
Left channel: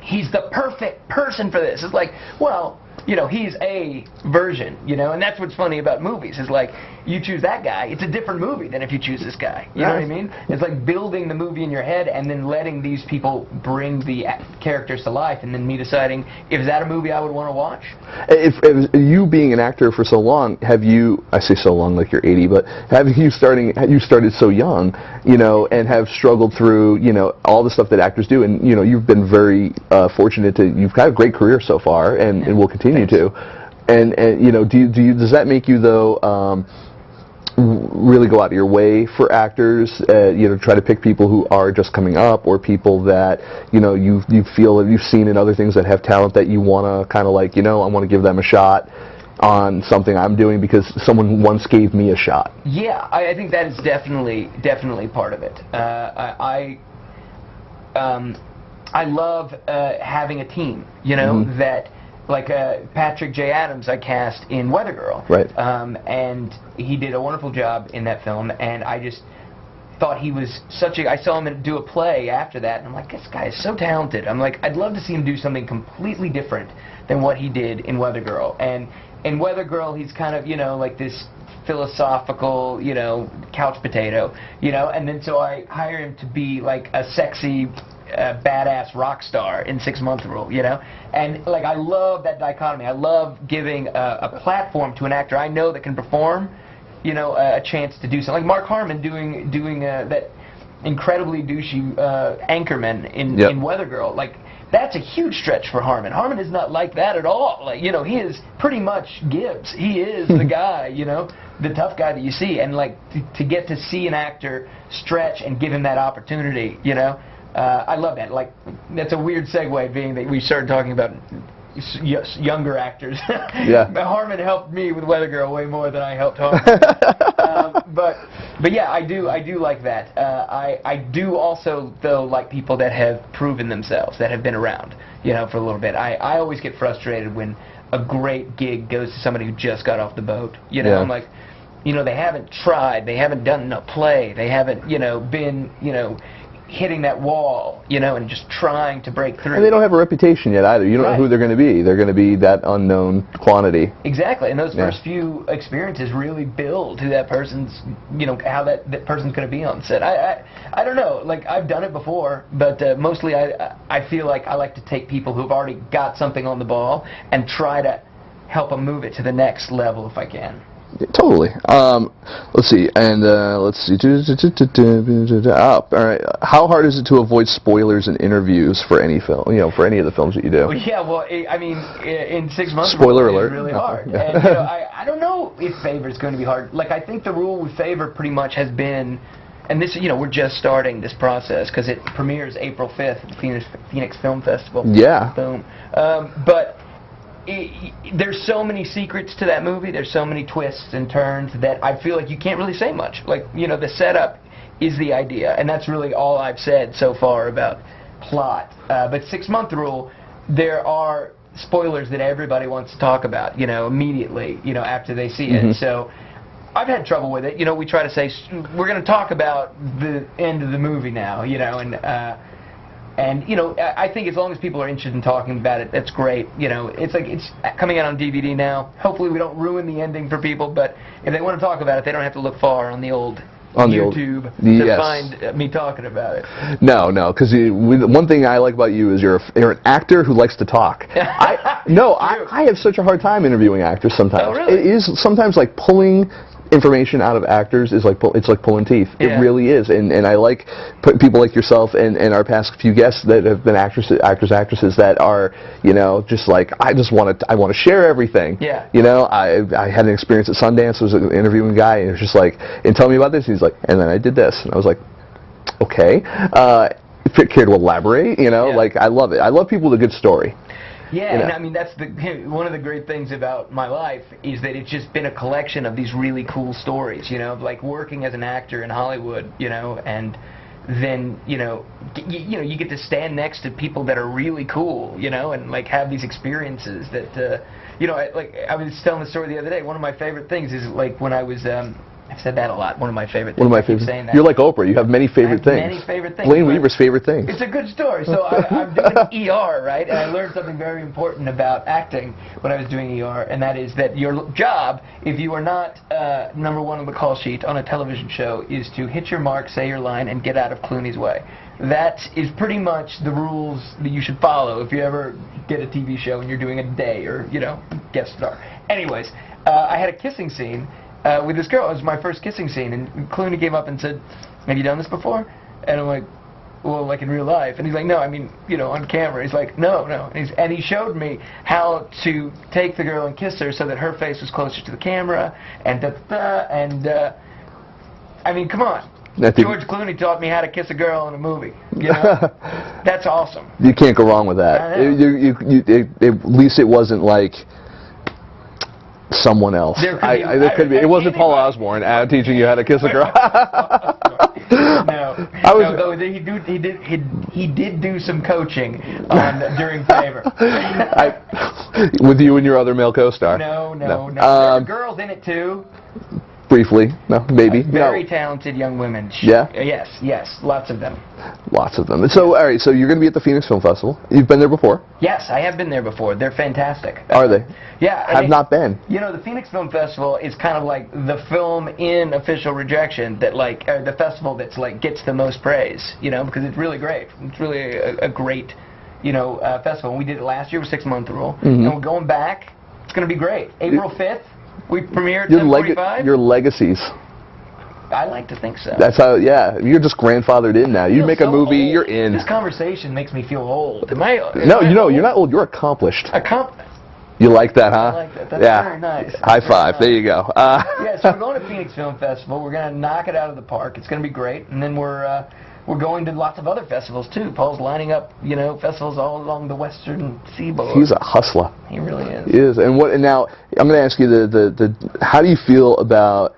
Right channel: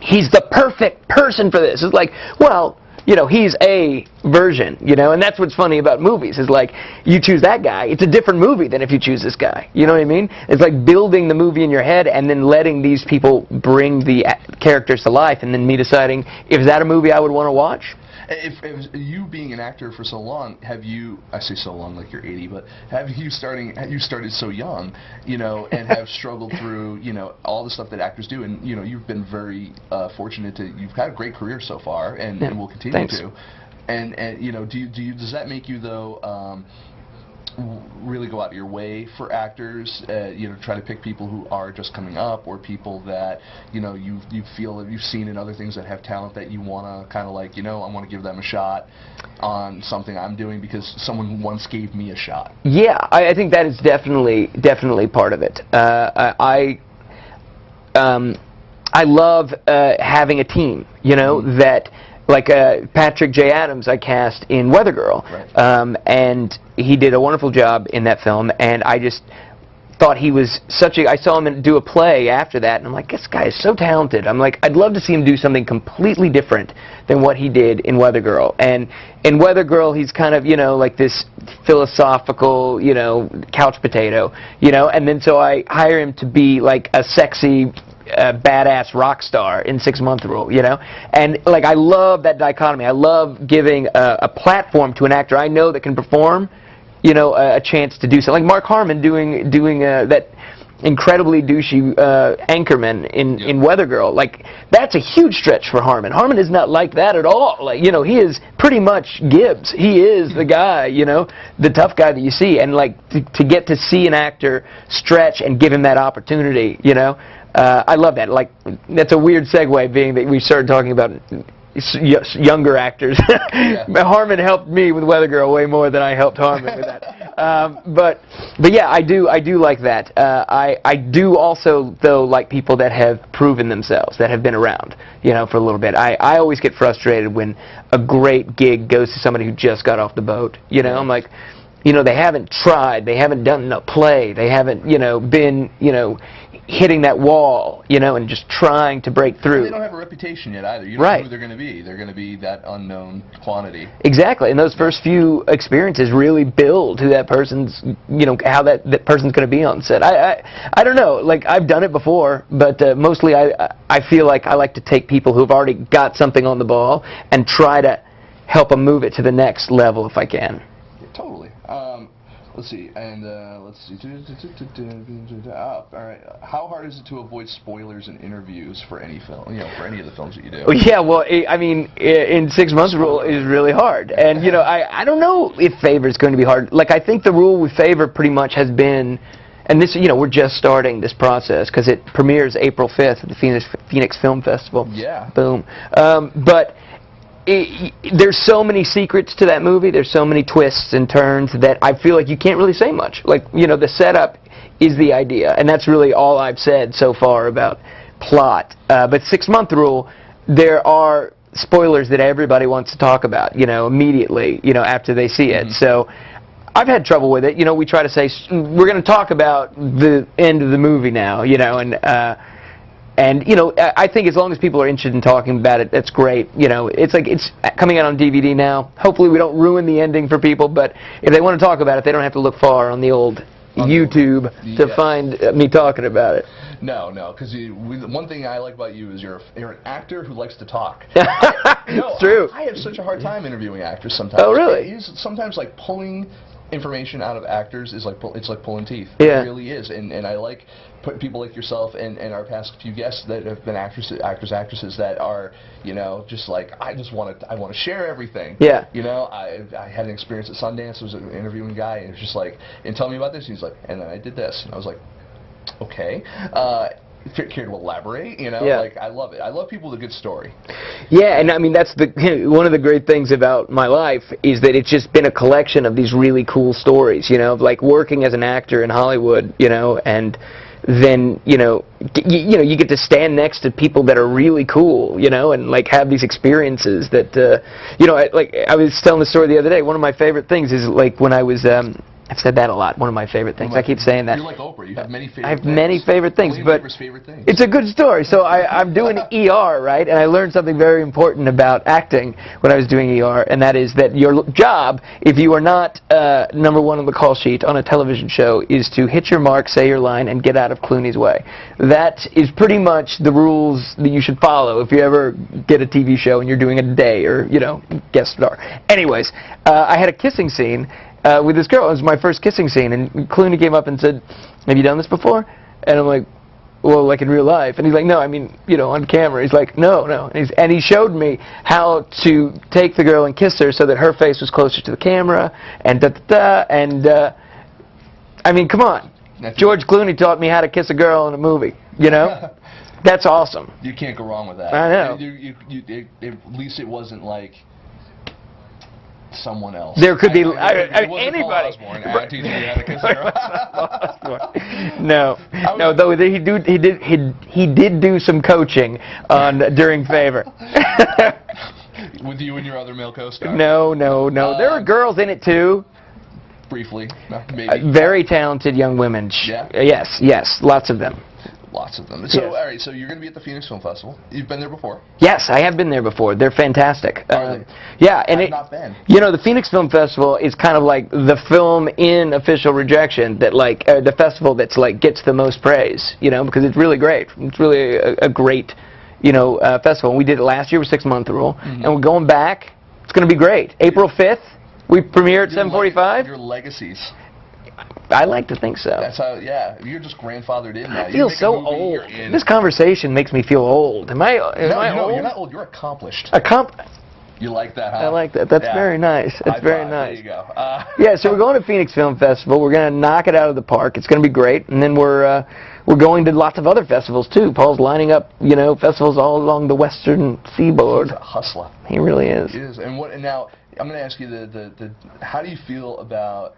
he's the perfect person for this. It's like, well, you know, he's a version, you know, and that's what's funny about movies, is like, you choose that guy, it's a different movie than if you choose this guy, you know what I mean? It's like building the movie in your head and then letting these people bring the characters to life, and then me deciding, is that a movie I would want to watch? If you being an actor for so long, have you, I say so long like you're 80, but have you started so young, you know, and have struggled through, you know, all the stuff that actors do, and, you know, you've been very fortunate you've had a great career so far, and will continue to. And you know, does that make you, though, really go out of your way for actors, try to pick people who are just coming up, or people that you feel that you've seen in other things that have talent that you want to kind of like, I want to give them a shot on something I'm doing because someone once gave me a shot? Yeah, I think that is definitely part of it. I love having a team, that, like Patrick J. Adams I cast in Weather Girl. Right. And he did a wonderful job in that film, and I just thought he was I saw him do a play after that, and I'm like, this guy is so talented. I'm like, I'd love to see him do something completely different than what he did in Weather Girl. And in Weather Girl, he's kind of, like this philosophical, couch potato, and then so I hire him to be like a sexy, badass rock star in 6 Month Rule, and like I love that dichotomy. I love giving a platform to an actor I know that can perform, a chance to do so. Like Mark Harmon doing that incredibly douchey anchorman in Weather Girl. Like, that's a huge stretch for Harmon. Harmon is not like that at all. Like, he is pretty much Gibbs. He is the guy, the tough guy that you see. And like to get to see an actor stretch and give him that opportunity, I love that. Like, that's a weird segue, being that we started talking about younger actors. Yeah. Harmon helped me with Weather Girl way more than I helped Harmon. But yeah, I do like that. I do also, though, like people that have proven themselves, that have been around, for a little bit. I always get frustrated when a great gig goes to somebody who just got off the boat. Yeah. I'm like, they haven't tried, they haven't done a play, they haven't, been, hitting that wall, and just trying to break through. And they don't have a reputation yet either. You don't know who they're going to be. They're going to be that unknown quantity. Exactly, and those first few experiences really build who that person's, how that person's going to be on set. I don't know, like, I've done it before, but mostly I feel like I like to take people who've already got something on the ball and try to help them move it to the next level if I can. Totally. Let's see, and let's see. All right. How hard is it to avoid spoilers in interviews for any film? For any of the films that you do? Well, yeah. Well, I mean, in 6 months, Spoiler it's alert. really hard. And I don't know if Favor is going to be hard. Like, I think the rule with Favor pretty much has been, and this, we're just starting this process because it premieres April 5th at the Phoenix Film Festival. Yeah. Boom. But there's so many secrets to that movie, there's so many twists and turns that I feel like you can't really say much. Like, the setup is the idea, and that's really all I've said so far about plot. But 6 Month Rule, there are spoilers that everybody wants to talk about, immediately, after they see it. So I've had trouble with it. We try to say, we're going to talk about the end of the movie now, and I think as long as people are interested in talking about it, that's great. It's like it's coming out on DVD now. Hopefully we don't ruin the ending for people, but if they want to talk about it, they don't have to look far on the old YouTube to find me talking about it. No, because one thing I like about you is you're an actor who likes to talk. True. I have such a hard time interviewing actors sometimes. Oh, really? It is sometimes like pulling information out of actors is like it's like pulling teeth. Yeah. It really is, and I like people like yourself and our past few guests that have been actresses that are just like I want to share everything. Yeah. I had an experience at Sundance. I was interviewing a guy and he was just like, and tell me about this. And he's like, and then I did this, and I was like, okay. Care to elaborate? Like, I love it. I love people with a good story. Yeah, and I mean, that's one of the great things about my life is that it's just been a collection of these really cool stories, of like working as an actor in Hollywood, and then, you get to stand next to people that are really cool, and like have these experiences that, I was telling the story the other day. One of my favorite things is like when I was, I've said that a lot. One of my favorite things. I keep saying that. You're like Oprah. You have many favorite things. Many favorite things. Blayne Weaver's favorite things. It's a good story. So I'm doing ER, right? And I learned something very important about acting when I was doing ER, and that is that your job, if you are not number one on the call sheet on a television show, is to hit your mark, say your line, and get out of Clooney's way. That is pretty much the rules that you should follow if you ever get a TV show and you're doing a day or, guest star. Anyways, I had a kissing scene with this girl. It was my first kissing scene, and Clooney came up and said, "Have you done this before?" And I'm like, "Well, like in real life?" And he's like, "No, I mean, on camera." He's like, "No." And he showed me how to take the girl and kiss her so that her face was closer to the camera, and I mean, come on. George Clooney taught me how to kiss a girl in a movie. You know, that's awesome. You can't go wrong with that. I know. At least it wasn't like someone else. There could be. It wasn't Paul Osborne teaching you how to kiss a girl. No, though he did do some coaching during Favor. With you and your other male co-star. No. There were girls in it too. Briefly, no, maybe. Very talented young women. Yeah. Yes, lots of them. Lots of them. So, all right. So you're going to be at the Phoenix Film Festival. You've been there before? Yes, I have been there before. They're fantastic. Are they? Yeah. And I've not been. You know, the Phoenix Film Festival is kind of like the film in official rejection that, like, the festival that's like gets the most praise. You know, because it's really great. It's really a great, festival. And we did it last year with 6 Month Rule, and we're going back. It's going to be great. April 5th, we premiere at 7:45. Your legacies. I like to think so. That's how, yeah. You're just grandfathered in now. You make a movie, old. You're in. This conversation makes me feel old. Am I? No, you're not old. You're accomplished. You like that, huh? I like that. That's very nice. High five. Nice. There you go. Yeah, so we're going to Phoenix Film Festival. We're going to knock it out of the park. It's going to be great. And then we're going to lots of other festivals, too. Paul's lining up, festivals all along the western seaboard. He's a hustler. He really is. He is. And now, I'm going to ask you, how do you feel about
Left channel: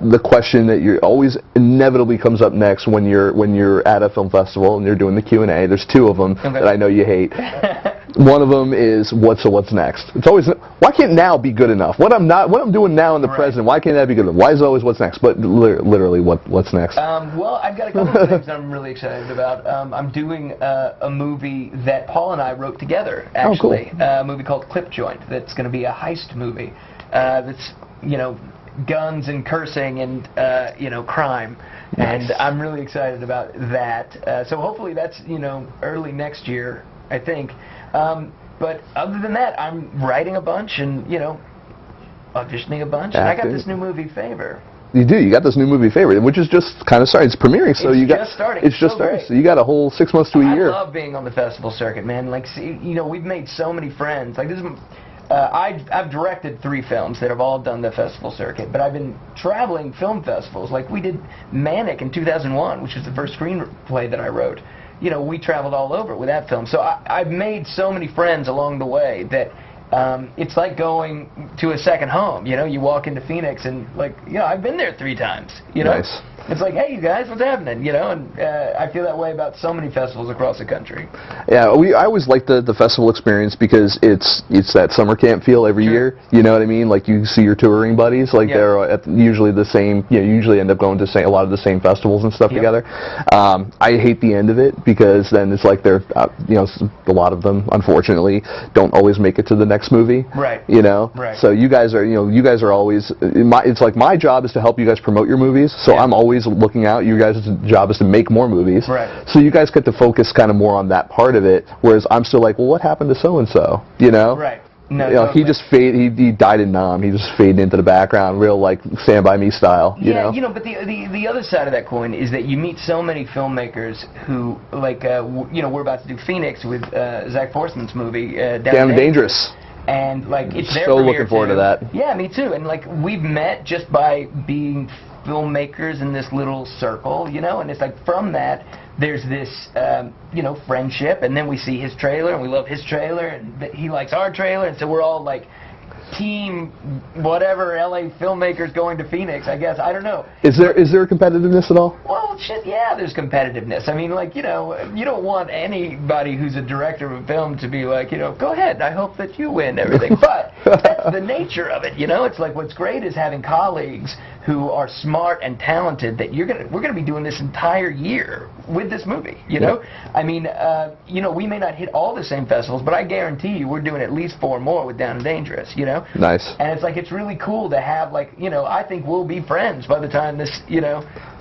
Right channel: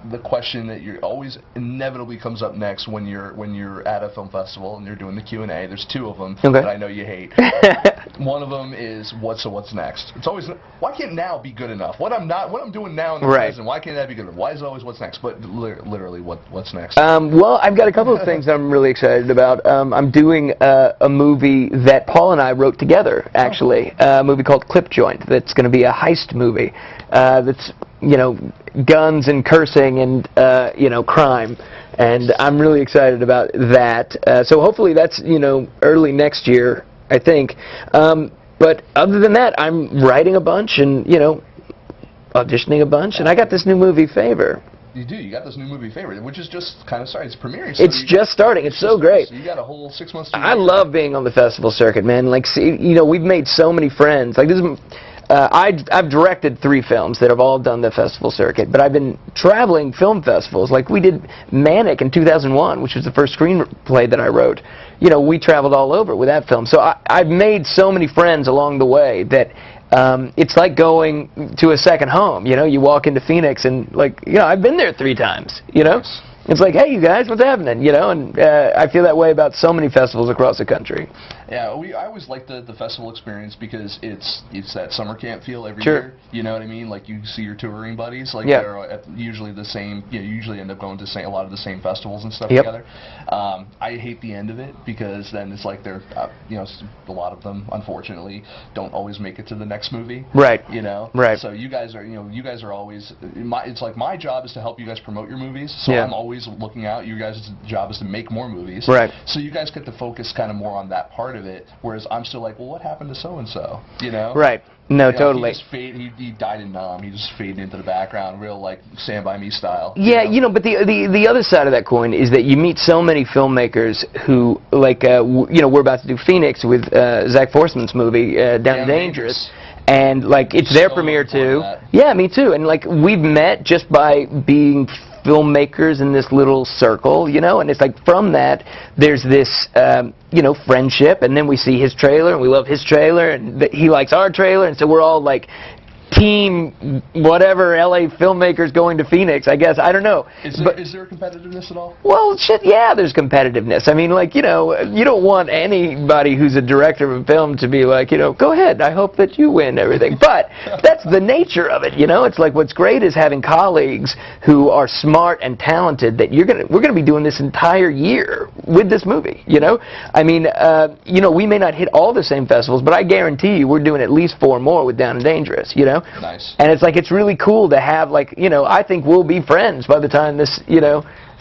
the question that you always inevitably comes up next when you're at a film festival and you're doing the Q&A? There's two of them that I know you hate. One of them is what's next. It's always, why can't now be good enough? What I'm doing now in the present, why can't that be good enough? Why is it always what's next? But literally, what's next? Well, I've got a couple of things I'm really excited about. I'm doing a movie that Paul and I wrote together, actually. Oh, cool. A movie called Clip Joint that's going to be a heist movie. That's guns and cursing and crime, and I'm really excited about that. So hopefully that's early next year, I think. But other than that, I'm writing a bunch and auditioning a bunch, and I got this new movie, Favor. You do. You got this new movie, Favor, which is just kind of starting. It's premiering. So it's just starting. It's so great. So you got a whole 6 months to a year. I love being on the festival circuit, man. Like, we've made so many friends. Like this is. I've directed 3 films that have all done the festival circuit, but I've been traveling film festivals. Like we did Manic in 2001, which was the first screenplay that I wrote. We traveled all over with that film. So I've made so many friends along the way that it's like going to a second home. You walk into Phoenix and I've been there 3 times. Nice. It's like, hey, you guys, what's happening? And I feel that way about so many festivals across the country. Yeah, I always like the festival experience because it's that summer camp feel every year. You know what I mean? Like you see your touring buddies, they're at usually the same. You usually end up going to a lot of the same festivals and stuff together. I hate the end of it because then it's like they're a lot of them unfortunately don't always make it to the next movie. Right. Right. So you guys are always. It's like my job is to help you guys promote your movies. So I'm always looking out. You guys' job is to make more movies. Right. So you guys get to focus kind of more on that part of it, whereas I'm still like, well, what happened to so-and-so? Right. No, totally. He just he died in Nam. He just faded into the background, real like Stand By Me style. Yeah, but the other side of that coin is that you meet so many filmmakers who, we're about to do Phoenix with Zach Forsman's movie, Down Dangerous. And it's their premiere looking forward too. To that. Yeah, me too. And we've met just by being filmmakers in this little circle, and it's like from that there's this friendship, and then we see his trailer and we love his trailer and he likes our trailer, and so we're all like team whatever LA filmmakers going to Phoenix, I guess. I don't know. Is there competitiveness at all? Well, shit, yeah, there's competitiveness. I mean, you don't want anybody who's a director of a film to be like, go ahead, I hope that you win everything. But that's the nature of it, It's like what's great is having colleagues who are smart and talented that we're gonna be doing this entire year with this movie, I mean, we may not hit all the same festivals, but I guarantee you we're doing at least 4 more with Down and Dangerous, Nice. And it's like, it's really cool to have, I think we'll be friends by the time this,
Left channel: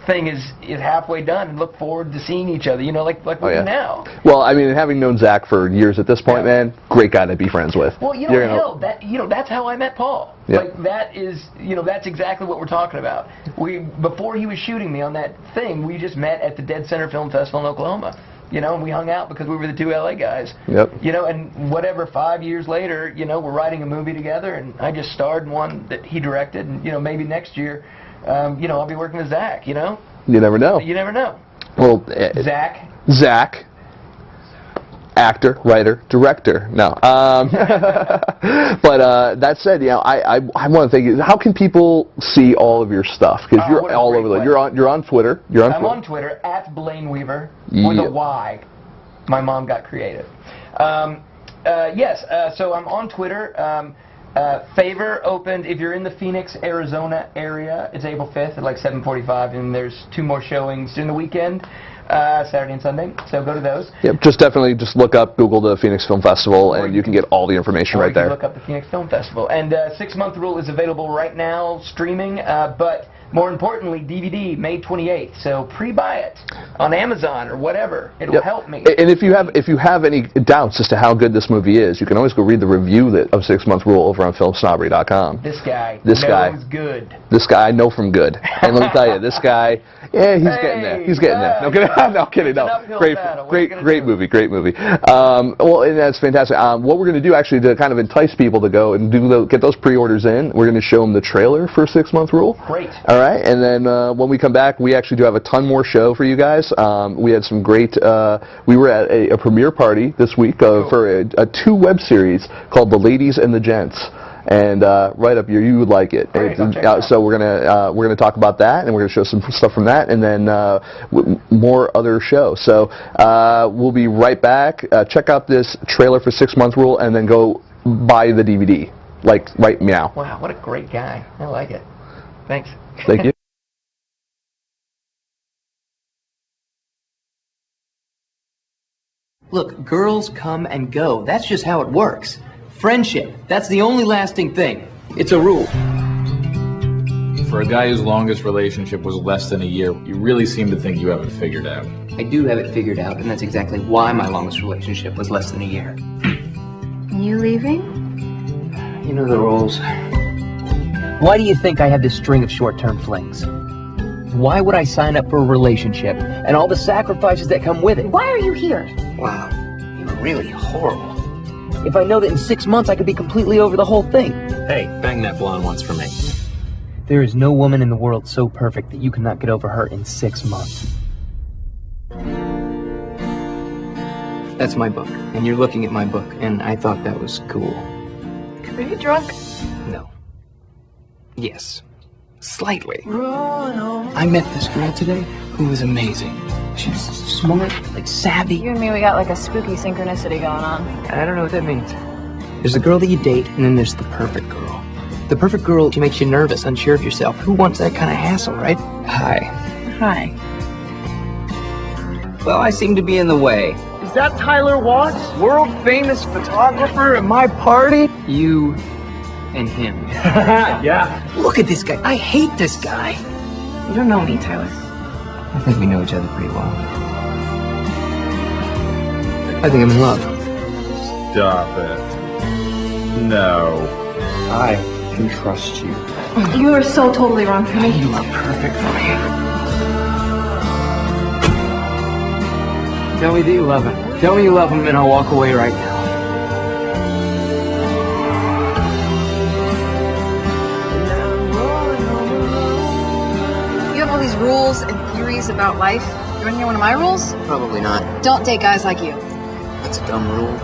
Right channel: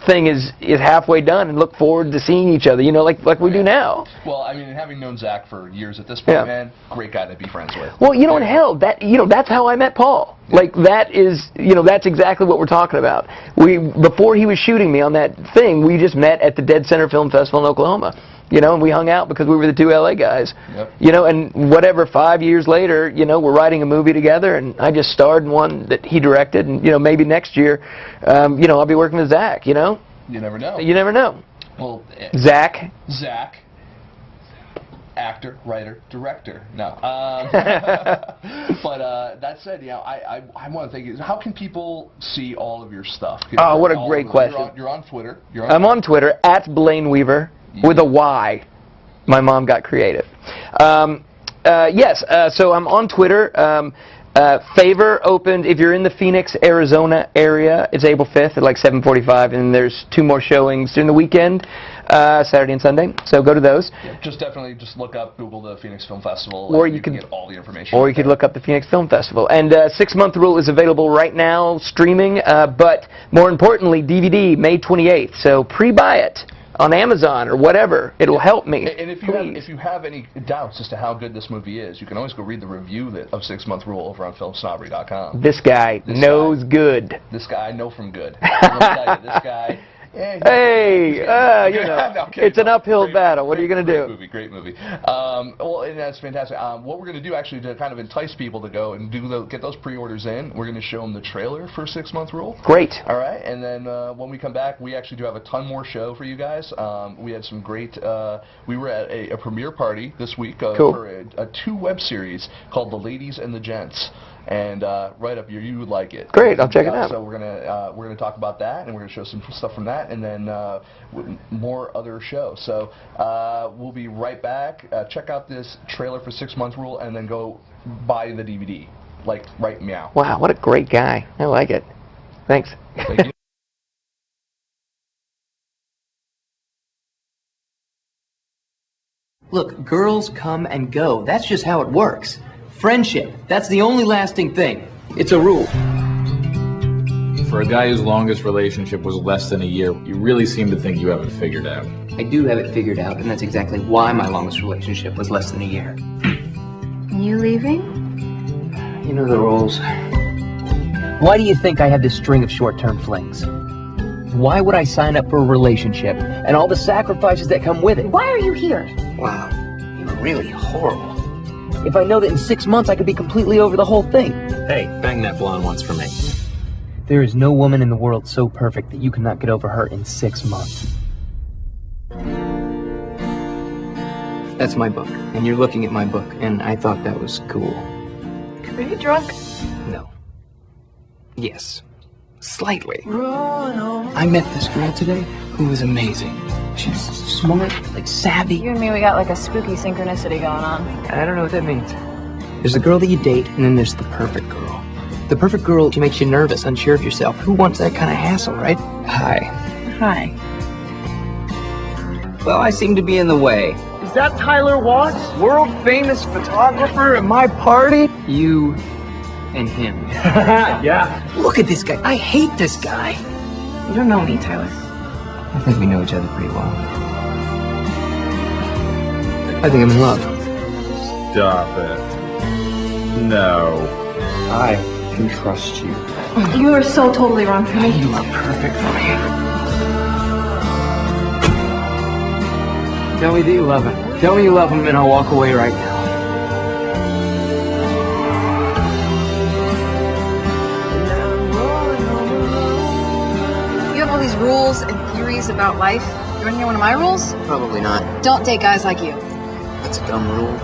thing is halfway done, and look forward to seeing each other, like we do now. Well, I mean, having known Zach for years at this point, man, great guy to be friends with. Well, hell, that's how I met Paul. Yeah. Like, that is, that's exactly what we're talking about. Before he was shooting me on that thing, we just met at the Dead Center Film Festival in Oklahoma. you know, and we hung out because we were the two LA guys. Yep. You know, and whatever, 5 years later, you know, we're writing a movie together, and I just starred in one that he directed, and, you know, maybe next year, you know, I'll be working with Zach, you know? You never know. You never know. Well, Zach, actor, writer, director. No. But that said, you know, I want to think, how can people see all of your stuff? Oh, you're what a all great over question. You're on Twitter. I'm on Twitter, @Blayne Weaver, with a Y. My mom got creative. Yes, so I'm on Twitter. Favor opened, if you're in the Phoenix, Arizona area, it's April 5th at like 7:45, and there's 2 more showings during the weekend, Saturday and Sunday, so go to those. Yep, definitely look up, Google the Phoenix Film Festival, and you can get all the information right there. Or you can look up the Phoenix Film Festival. And 6 Month Rule is available right now, streaming, but more importantly, DVD, May 28th, so pre-buy it on Amazon or whatever. It'll help me. And if you have any doubts as to how good this movie is, you can always go read the review of 6 Month Rule over on FilmSnobbery.com. This guy knows good. This guy I know from good. And let me tell you, this guy, yeah, he's getting there. You know, it's an uphill battle. What are you going to do? Great movie. Well, and that's fantastic. What we're going to do, actually, to kind of entice people to go and get those pre-orders in, we're going to show them the trailer for 6 Month Rule. Great. All right, and then when we come back, we actually do have a ton more show for you guys. We had some great, we were at a premiere party this week for a 2 web series called The Ladies and the Gents. And right up here, you would like it. Great, I'll check it out. So we're gonna talk about that, and we're gonna show some stuff from that, and then more other shows. So we'll be right back. Check out this trailer for 6 Month Rule, and then go buy the DVD. Like right meow. Wow, what a great guy. I like it. Thanks. Thank you. Look, girls come and go. That's just how it works. Friendship, that's the only lasting thing. It's a rule. For a guy whose longest relationship was less than a year, you really seem to think you have it figured out. I do have it figured out, and that's exactly why my longest relationship was less than a year. You leaving? You know the rules. Why do you think I have this string of short-term flings? Why would I sign up for a relationship and all the sacrifices that come with it? Why are you here? Wow, you're really horrible. If I know that in 6 months I could be completely over the whole thing. Hey, bang that blonde once for me. There is no woman in the world so perfect that you cannot get over her in 6 months. That's my book, and you're looking at my book, and I thought that was cool. Are you drunk? No. Yes. Slightly. I met this girl today who was amazing. She's smart, like savvy. You and me, we got like a spooky synchronicity going on. I don't know what that means. There's the girl that you date, and then there's the perfect girl. The perfect girl, she makes you nervous, unsure of yourself. Who wants that kind of hassle, right? Hi. Hi. Well, I seem to be in the way. Is that Tyler Watts, world-famous photographer at my party? You and him. Yeah. Look at this guy. I hate this guy. You don't know me, Tyler. I think we know each other pretty well. I think I'm in love. Stop it. No. I can trust you. You are so totally wrong for me. You are perfect for me. Tell me that you love him. Tell me you love him and I'll walk away right now. You have all these rules and theories about life. You want to hear one of my rules? Probably not. Don't date guys like you. That's a dumb rule.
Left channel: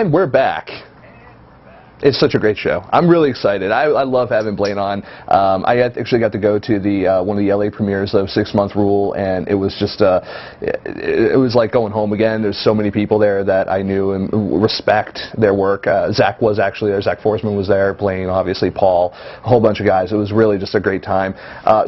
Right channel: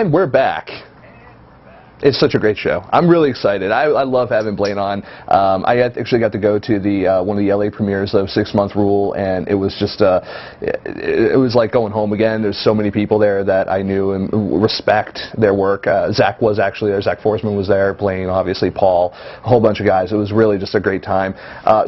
And we're back. It's such a great show. I'm really excited. I love having Blayne on. I actually got to go to the one of the LA premieres of 6 Month Rule, and it was just it was like going home again. There's so many people there that I knew and respect their work. Zach was actually there. Zach Forsman was there. Blayne, obviously, Paul, a whole bunch of guys. It was really just a great time.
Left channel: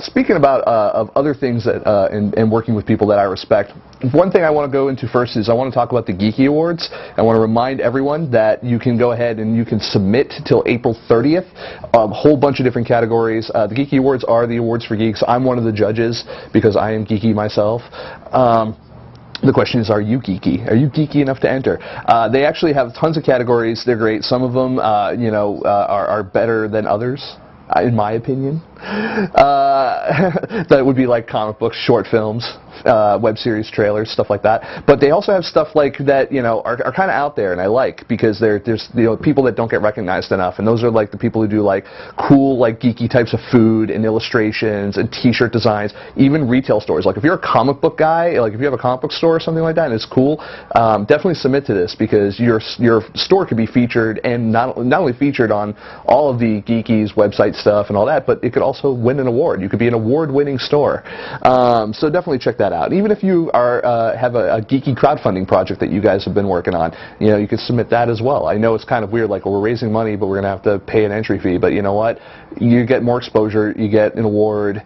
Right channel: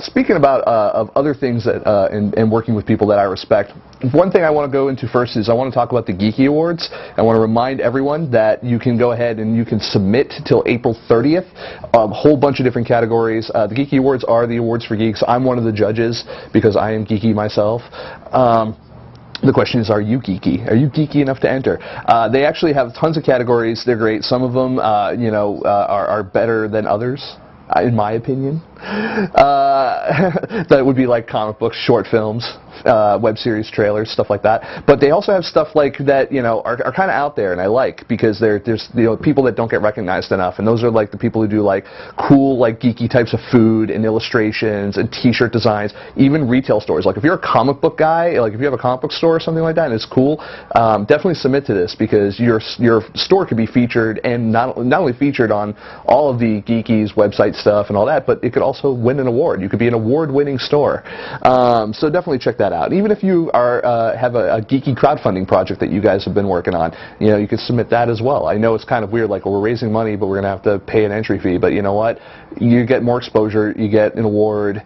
Speaking about of other things that and working with people that I respect, one thing I want to go into first is I want to talk about the Geeky Awards. I want to remind everyone that you can go ahead and you can submit till April 30th. A whole bunch of different categories. The Geeky Awards are the awards for geeks. I'm one of the judges because I am geeky myself. The question is, are you geeky? Are you geeky enough to enter? They actually have tons of categories. They're great. Some of them, are better than others, in my opinion. That would be like comic books, short films, web series, trailers, stuff like that. But they also have stuff like that, are kind of out there, and I like, because there's people that don't get recognized enough, and those are like the people who do like cool, like geeky types of food and illustrations and T-shirt designs, even retail stores. Like if you're a comic book guy, like if you have a comic book store or something like that, and it's cool, definitely submit to this, because your store could be featured, and not only featured on all of the Geeky's website stuff and all that, but it could also win an award. You could be an award-winning store. So definitely check that out. Even if you have a geeky crowdfunding project that you guys have been working on, you could submit that as well. I know it's kind of weird, like, well, we're raising money, but we're going to have to pay an entry fee. But you know what? You get more exposure. You get an award.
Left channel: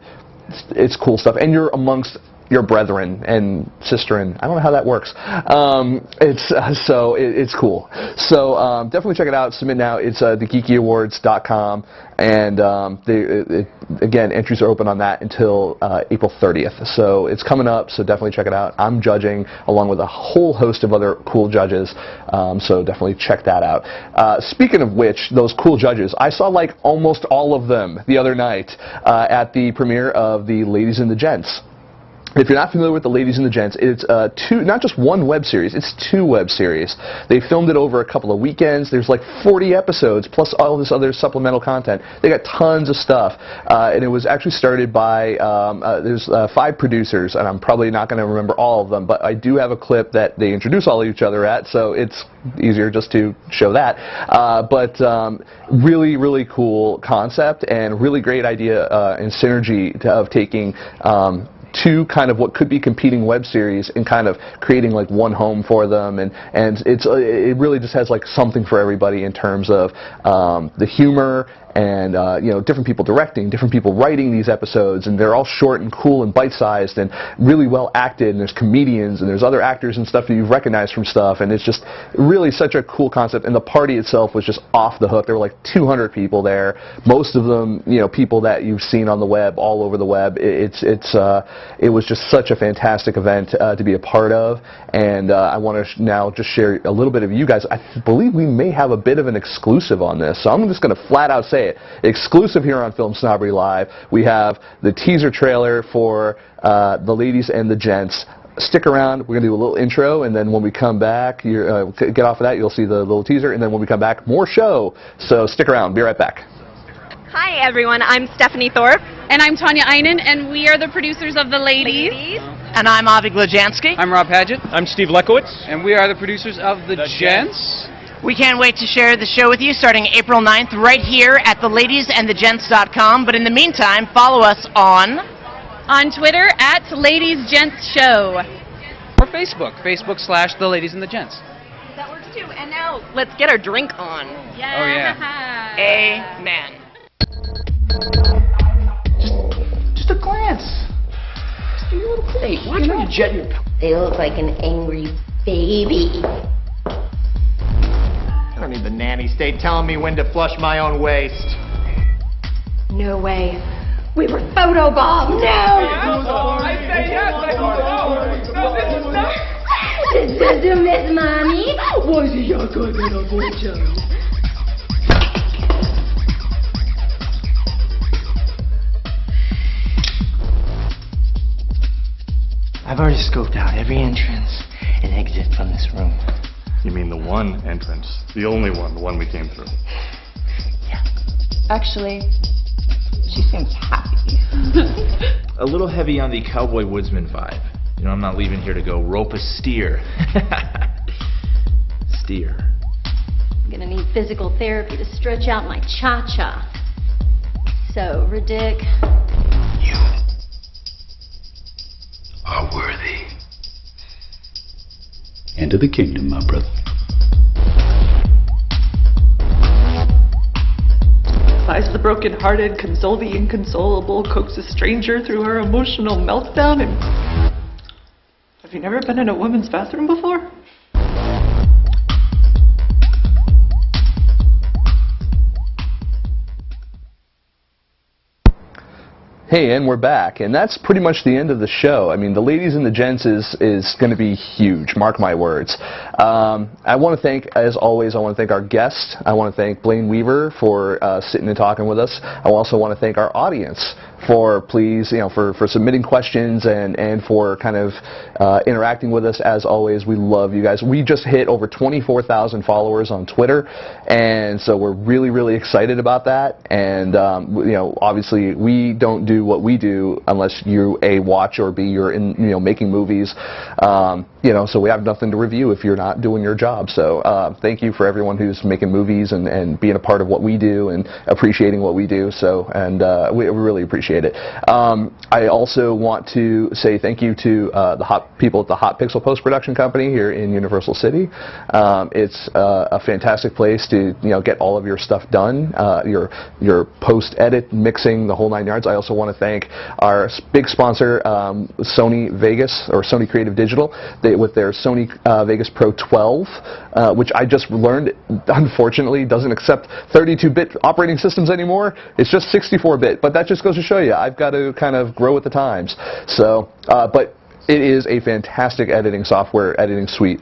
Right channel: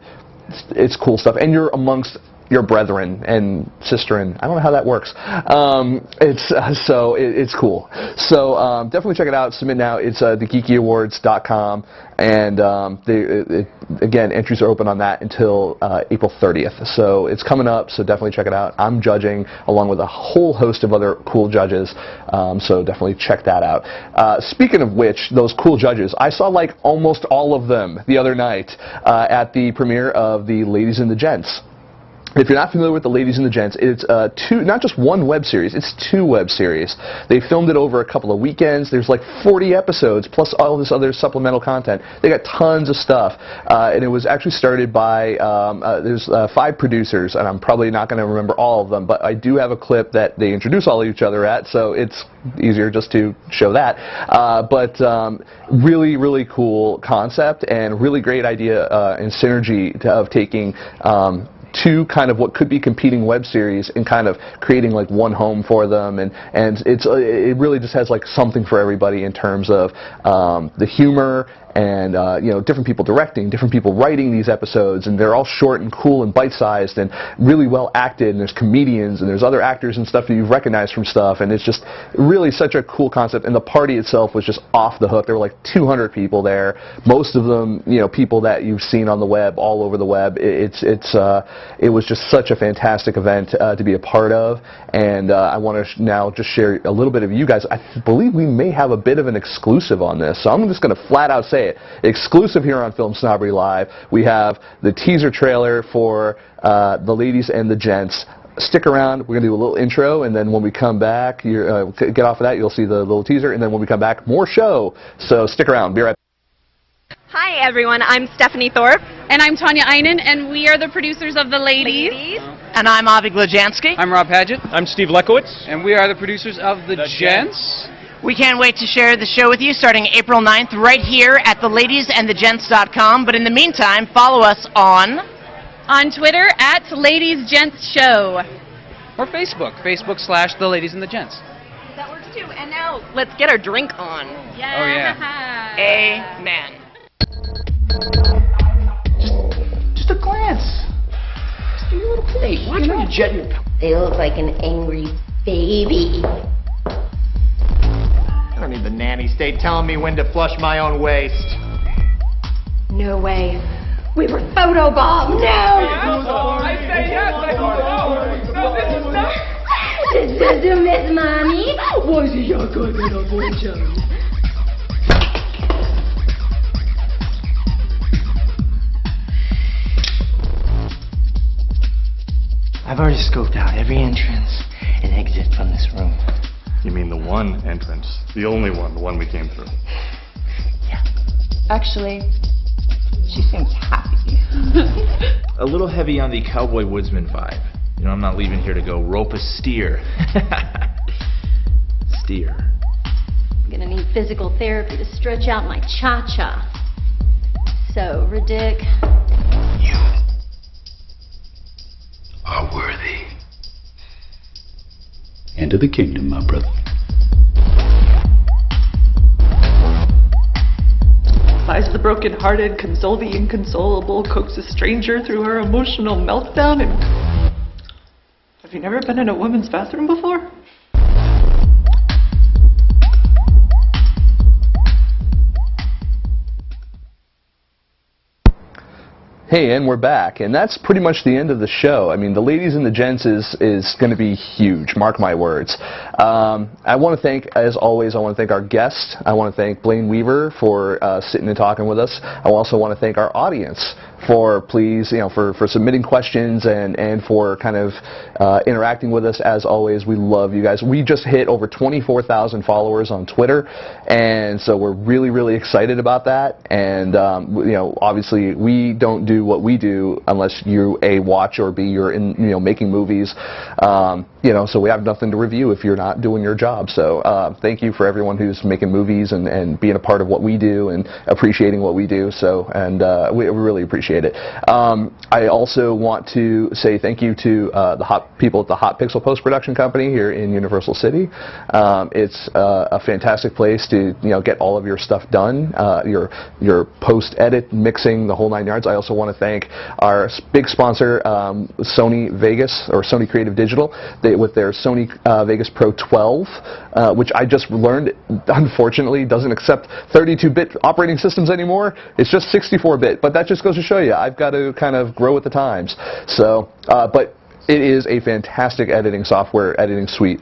It's cool stuff, and you're amongst your brethren and sisterin. I don't know how that works. It's cool. So definitely check it out. Submit now. It's thegeekyawards.com, and again, entries are open on that until April 30th. So it's coming up. So definitely check it out. I'm judging along with a whole host of other cool judges. So definitely check that out. Speaking of which, those cool judges, I saw like almost all of them the other night at the premiere of the Ladies and the Gents. If you're not familiar with the Ladies and the Gents, it's not just one web series, it's 2 web series. They filmed it over a couple of weekends. There's like 40 episodes, plus all this other supplemental content. They got tons of stuff. And it was actually started by, there's 5 producers, and I'm probably not going to remember all of them, but I do have a clip that they introduce all of each other at, so it's easier just to show that. Really, really cool concept, and really great idea and synergy of taking 2 kind of what could be competing web series and kind of creating like one home for them, and it really just has like something for everybody in terms of the humor and different people directing, different people writing these episodes, and they're all short and cool and bite-sized and really well acted, and there's comedians and there's other actors and stuff that you've recognized from stuff, and it's just really such a cool concept. And the party itself was just off the hook. There were like 200 people there, most of them people that you've seen on the web, all over the web. It was just such a fantastic event to be a part of, and I want to now just share a little bit of you guys. I believe we may have a bit of an exclusive on this, so I'm just going to flat out say it. Exclusive here on Film Snobbery Live. We have the teaser trailer for the Ladies and the Gents. Stick around. We're going to do a little intro, and then when we come back, get off of that, you'll see the little teaser, and then when we come back, more show. So stick around. Be right back. Hi, everyone. I'm Stephanie Thorpe. And I'm Tanya Einen, and we are the producers of The Ladies. And I'm Avi Glajansky. I'm Rob Paget. I'm Steve Lekowitz. And we are the producers of The Gents. We can't wait to share the show with you starting April 9th right here at theladiesandthegents.com. But in the meantime, follow us on Twitter at Ladies Gents Show. Or Facebook.com/The Ladies and the Gents. That works too. And now, let's get our drink on. Yeah. Oh, yeah. Amen. Just a glance. Just a little plate. Hey, watch where you jet your... They look like an angry baby. I don't need the nanny state telling me when to flush my own waste. No way. We were photobombed. No! I say yes, I don't know. No, this is not... This is Miss Mommy. Why is he not going to avoid you? I've already scoped out every entrance and exit from this room. You mean the one entrance? The only one, the one we came through? Yeah. Actually, she seems happy. A little heavy on the cowboy woodsman vibe. I'm not leaving here to go rope a steer. Steer. I'm gonna need physical therapy to stretch out my cha-cha. So, Ridic. You are worthy. Enter the kingdom, my brother. Defies the broken-hearted, console the inconsolable, coax a stranger through her emotional meltdown, and... Have you never been in a woman's bathroom before? Hey, and we're back, and that's pretty much the end of the show. I mean, the ladies and the gents is going to be huge, mark my words. I want to thank, as always, I want to thank our guest. I want to thank Blayne Weaver for sitting and talking with us. I also want to thank our audience for for submitting questions and for kind of interacting with us. As always, we love you guys. We just hit over 24,000 followers on Twitter, and so we're really, really excited about that. And obviously, we don't do what we do unless you A, watch, or B, you're in making movies. So we have nothing to review if you're not doing your job. So thank you for everyone who's making movies and being a part of what we do and appreciating what we do. So we really appreciate it. I also want to say thank you to the people at the Hot Pixel Post-Production Company here in Universal City. It's a fantastic place to get all of your stuff done, your post-edit, mixing, the whole 9 yards. I also want to thank our big sponsor, Sony Vegas, or Sony Creative Digital, with their Sony Vegas Pro 12, which I just learned, unfortunately, doesn't accept 32-bit operating systems anymore. It's just 64-bit, but that just goes to show you, I've got to kind of grow with the times. So, but it is a fantastic editing suite.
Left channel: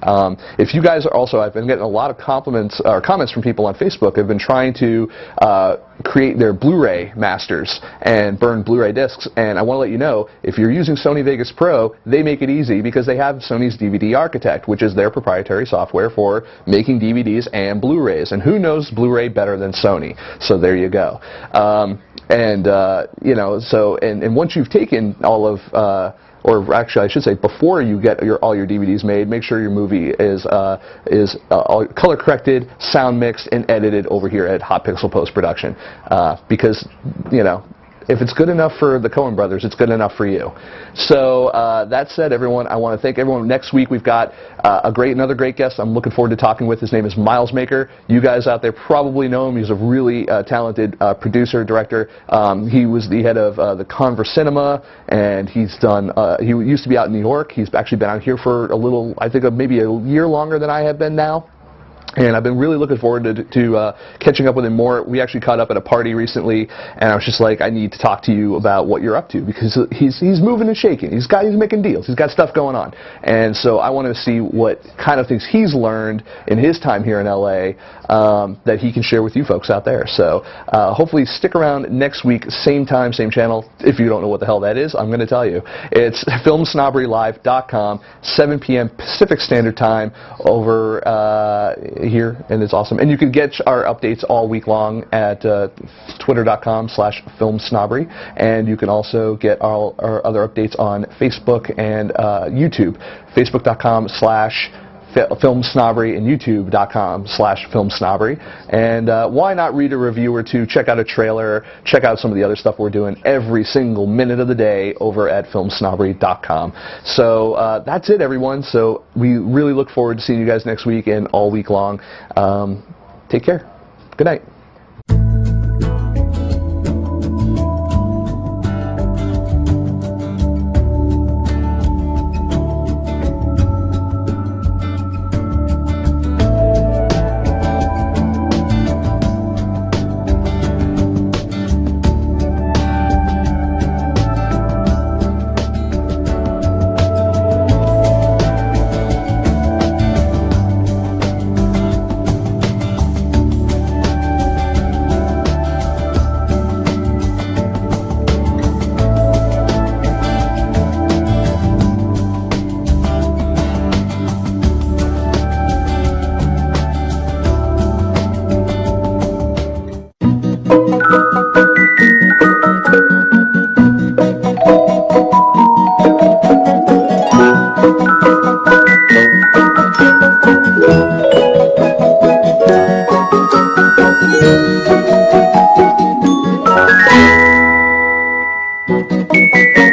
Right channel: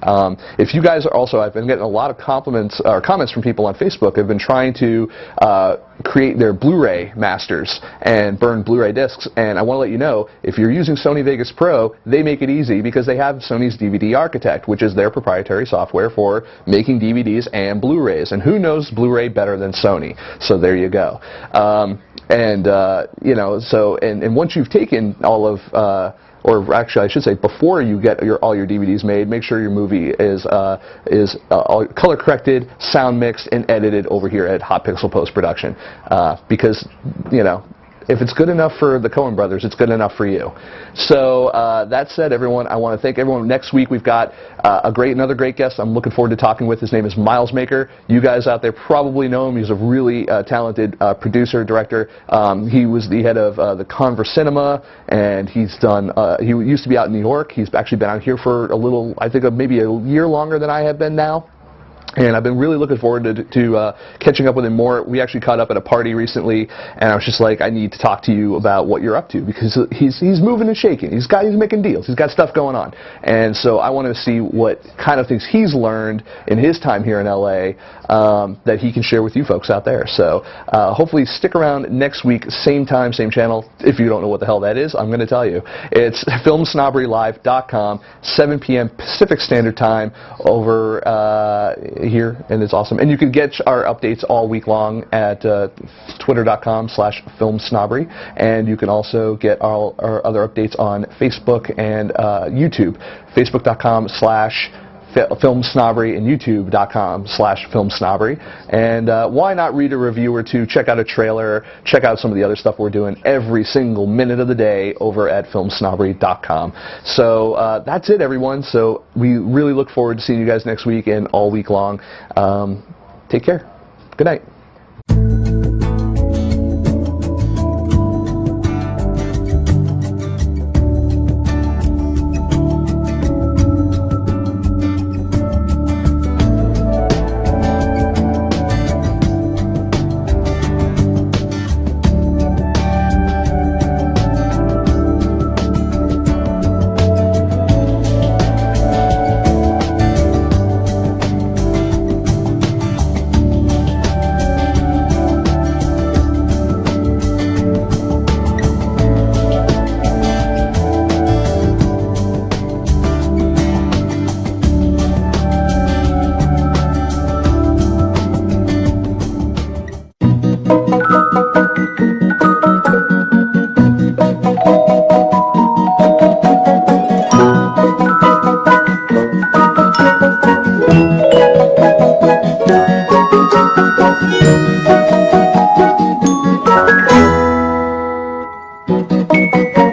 If you guys are also, I've been getting a lot of compliments or comments from people on Facebook have been trying to create their Blu-ray masters and burn Blu-ray discs, and I want to let you know, if you're using Sony Vegas Pro, they make it easy because they have Sony's DVD Architect, which is their proprietary software for making DVDs and Blu-rays, and who knows Blu-ray better than Sony? So there you go. And once you've taken all of or actually, I should say, before you get all your DVDs made, make sure your movie is all color corrected, sound mixed, and edited over here at Hot Pixel Post Production. Because if it's good enough for the Coen brothers, it's good enough for you. So that said, everyone, I want to thank everyone. Next week we've got another great guest I'm looking forward to talking with. His name is Miles Maker. You guys out there probably know him. He's a really talented producer, director. He was the head of the Converse Cinema, and he's done. He used to be out in New York. He's actually been out here for a little, I think, maybe a year longer than I have been now. And I've been really looking forward to catching up with him more. We actually caught up at a party recently, and I was just like, I need to talk to you about what you're up to, because he's moving and shaking. He's making deals. He's got stuff going on. And so I want to see what kind of things he's learned in his time here in LA that he can share with you folks out there. So hopefully stick around next week, same time, same channel. If you don't know what the hell that is, I'm going to tell you. It's FilmSnobberyLive.com, 7 p.m. Pacific Standard Time over here, and it's awesome. And you can get our updates all week long at twitter.com/FilmSnobbery, and you can also get all our other updates on Facebook and YouTube, facebook.com/FilmSnobbery and youtube.com/FilmSnobbery. And why not read a review or two, check out a trailer, check out some of the other stuff we're doing every single minute of the day over at FilmSnobbery.com. So that's it, everyone. So we really look forward to seeing you guys next week and all week long. Take care. Good night. Bye.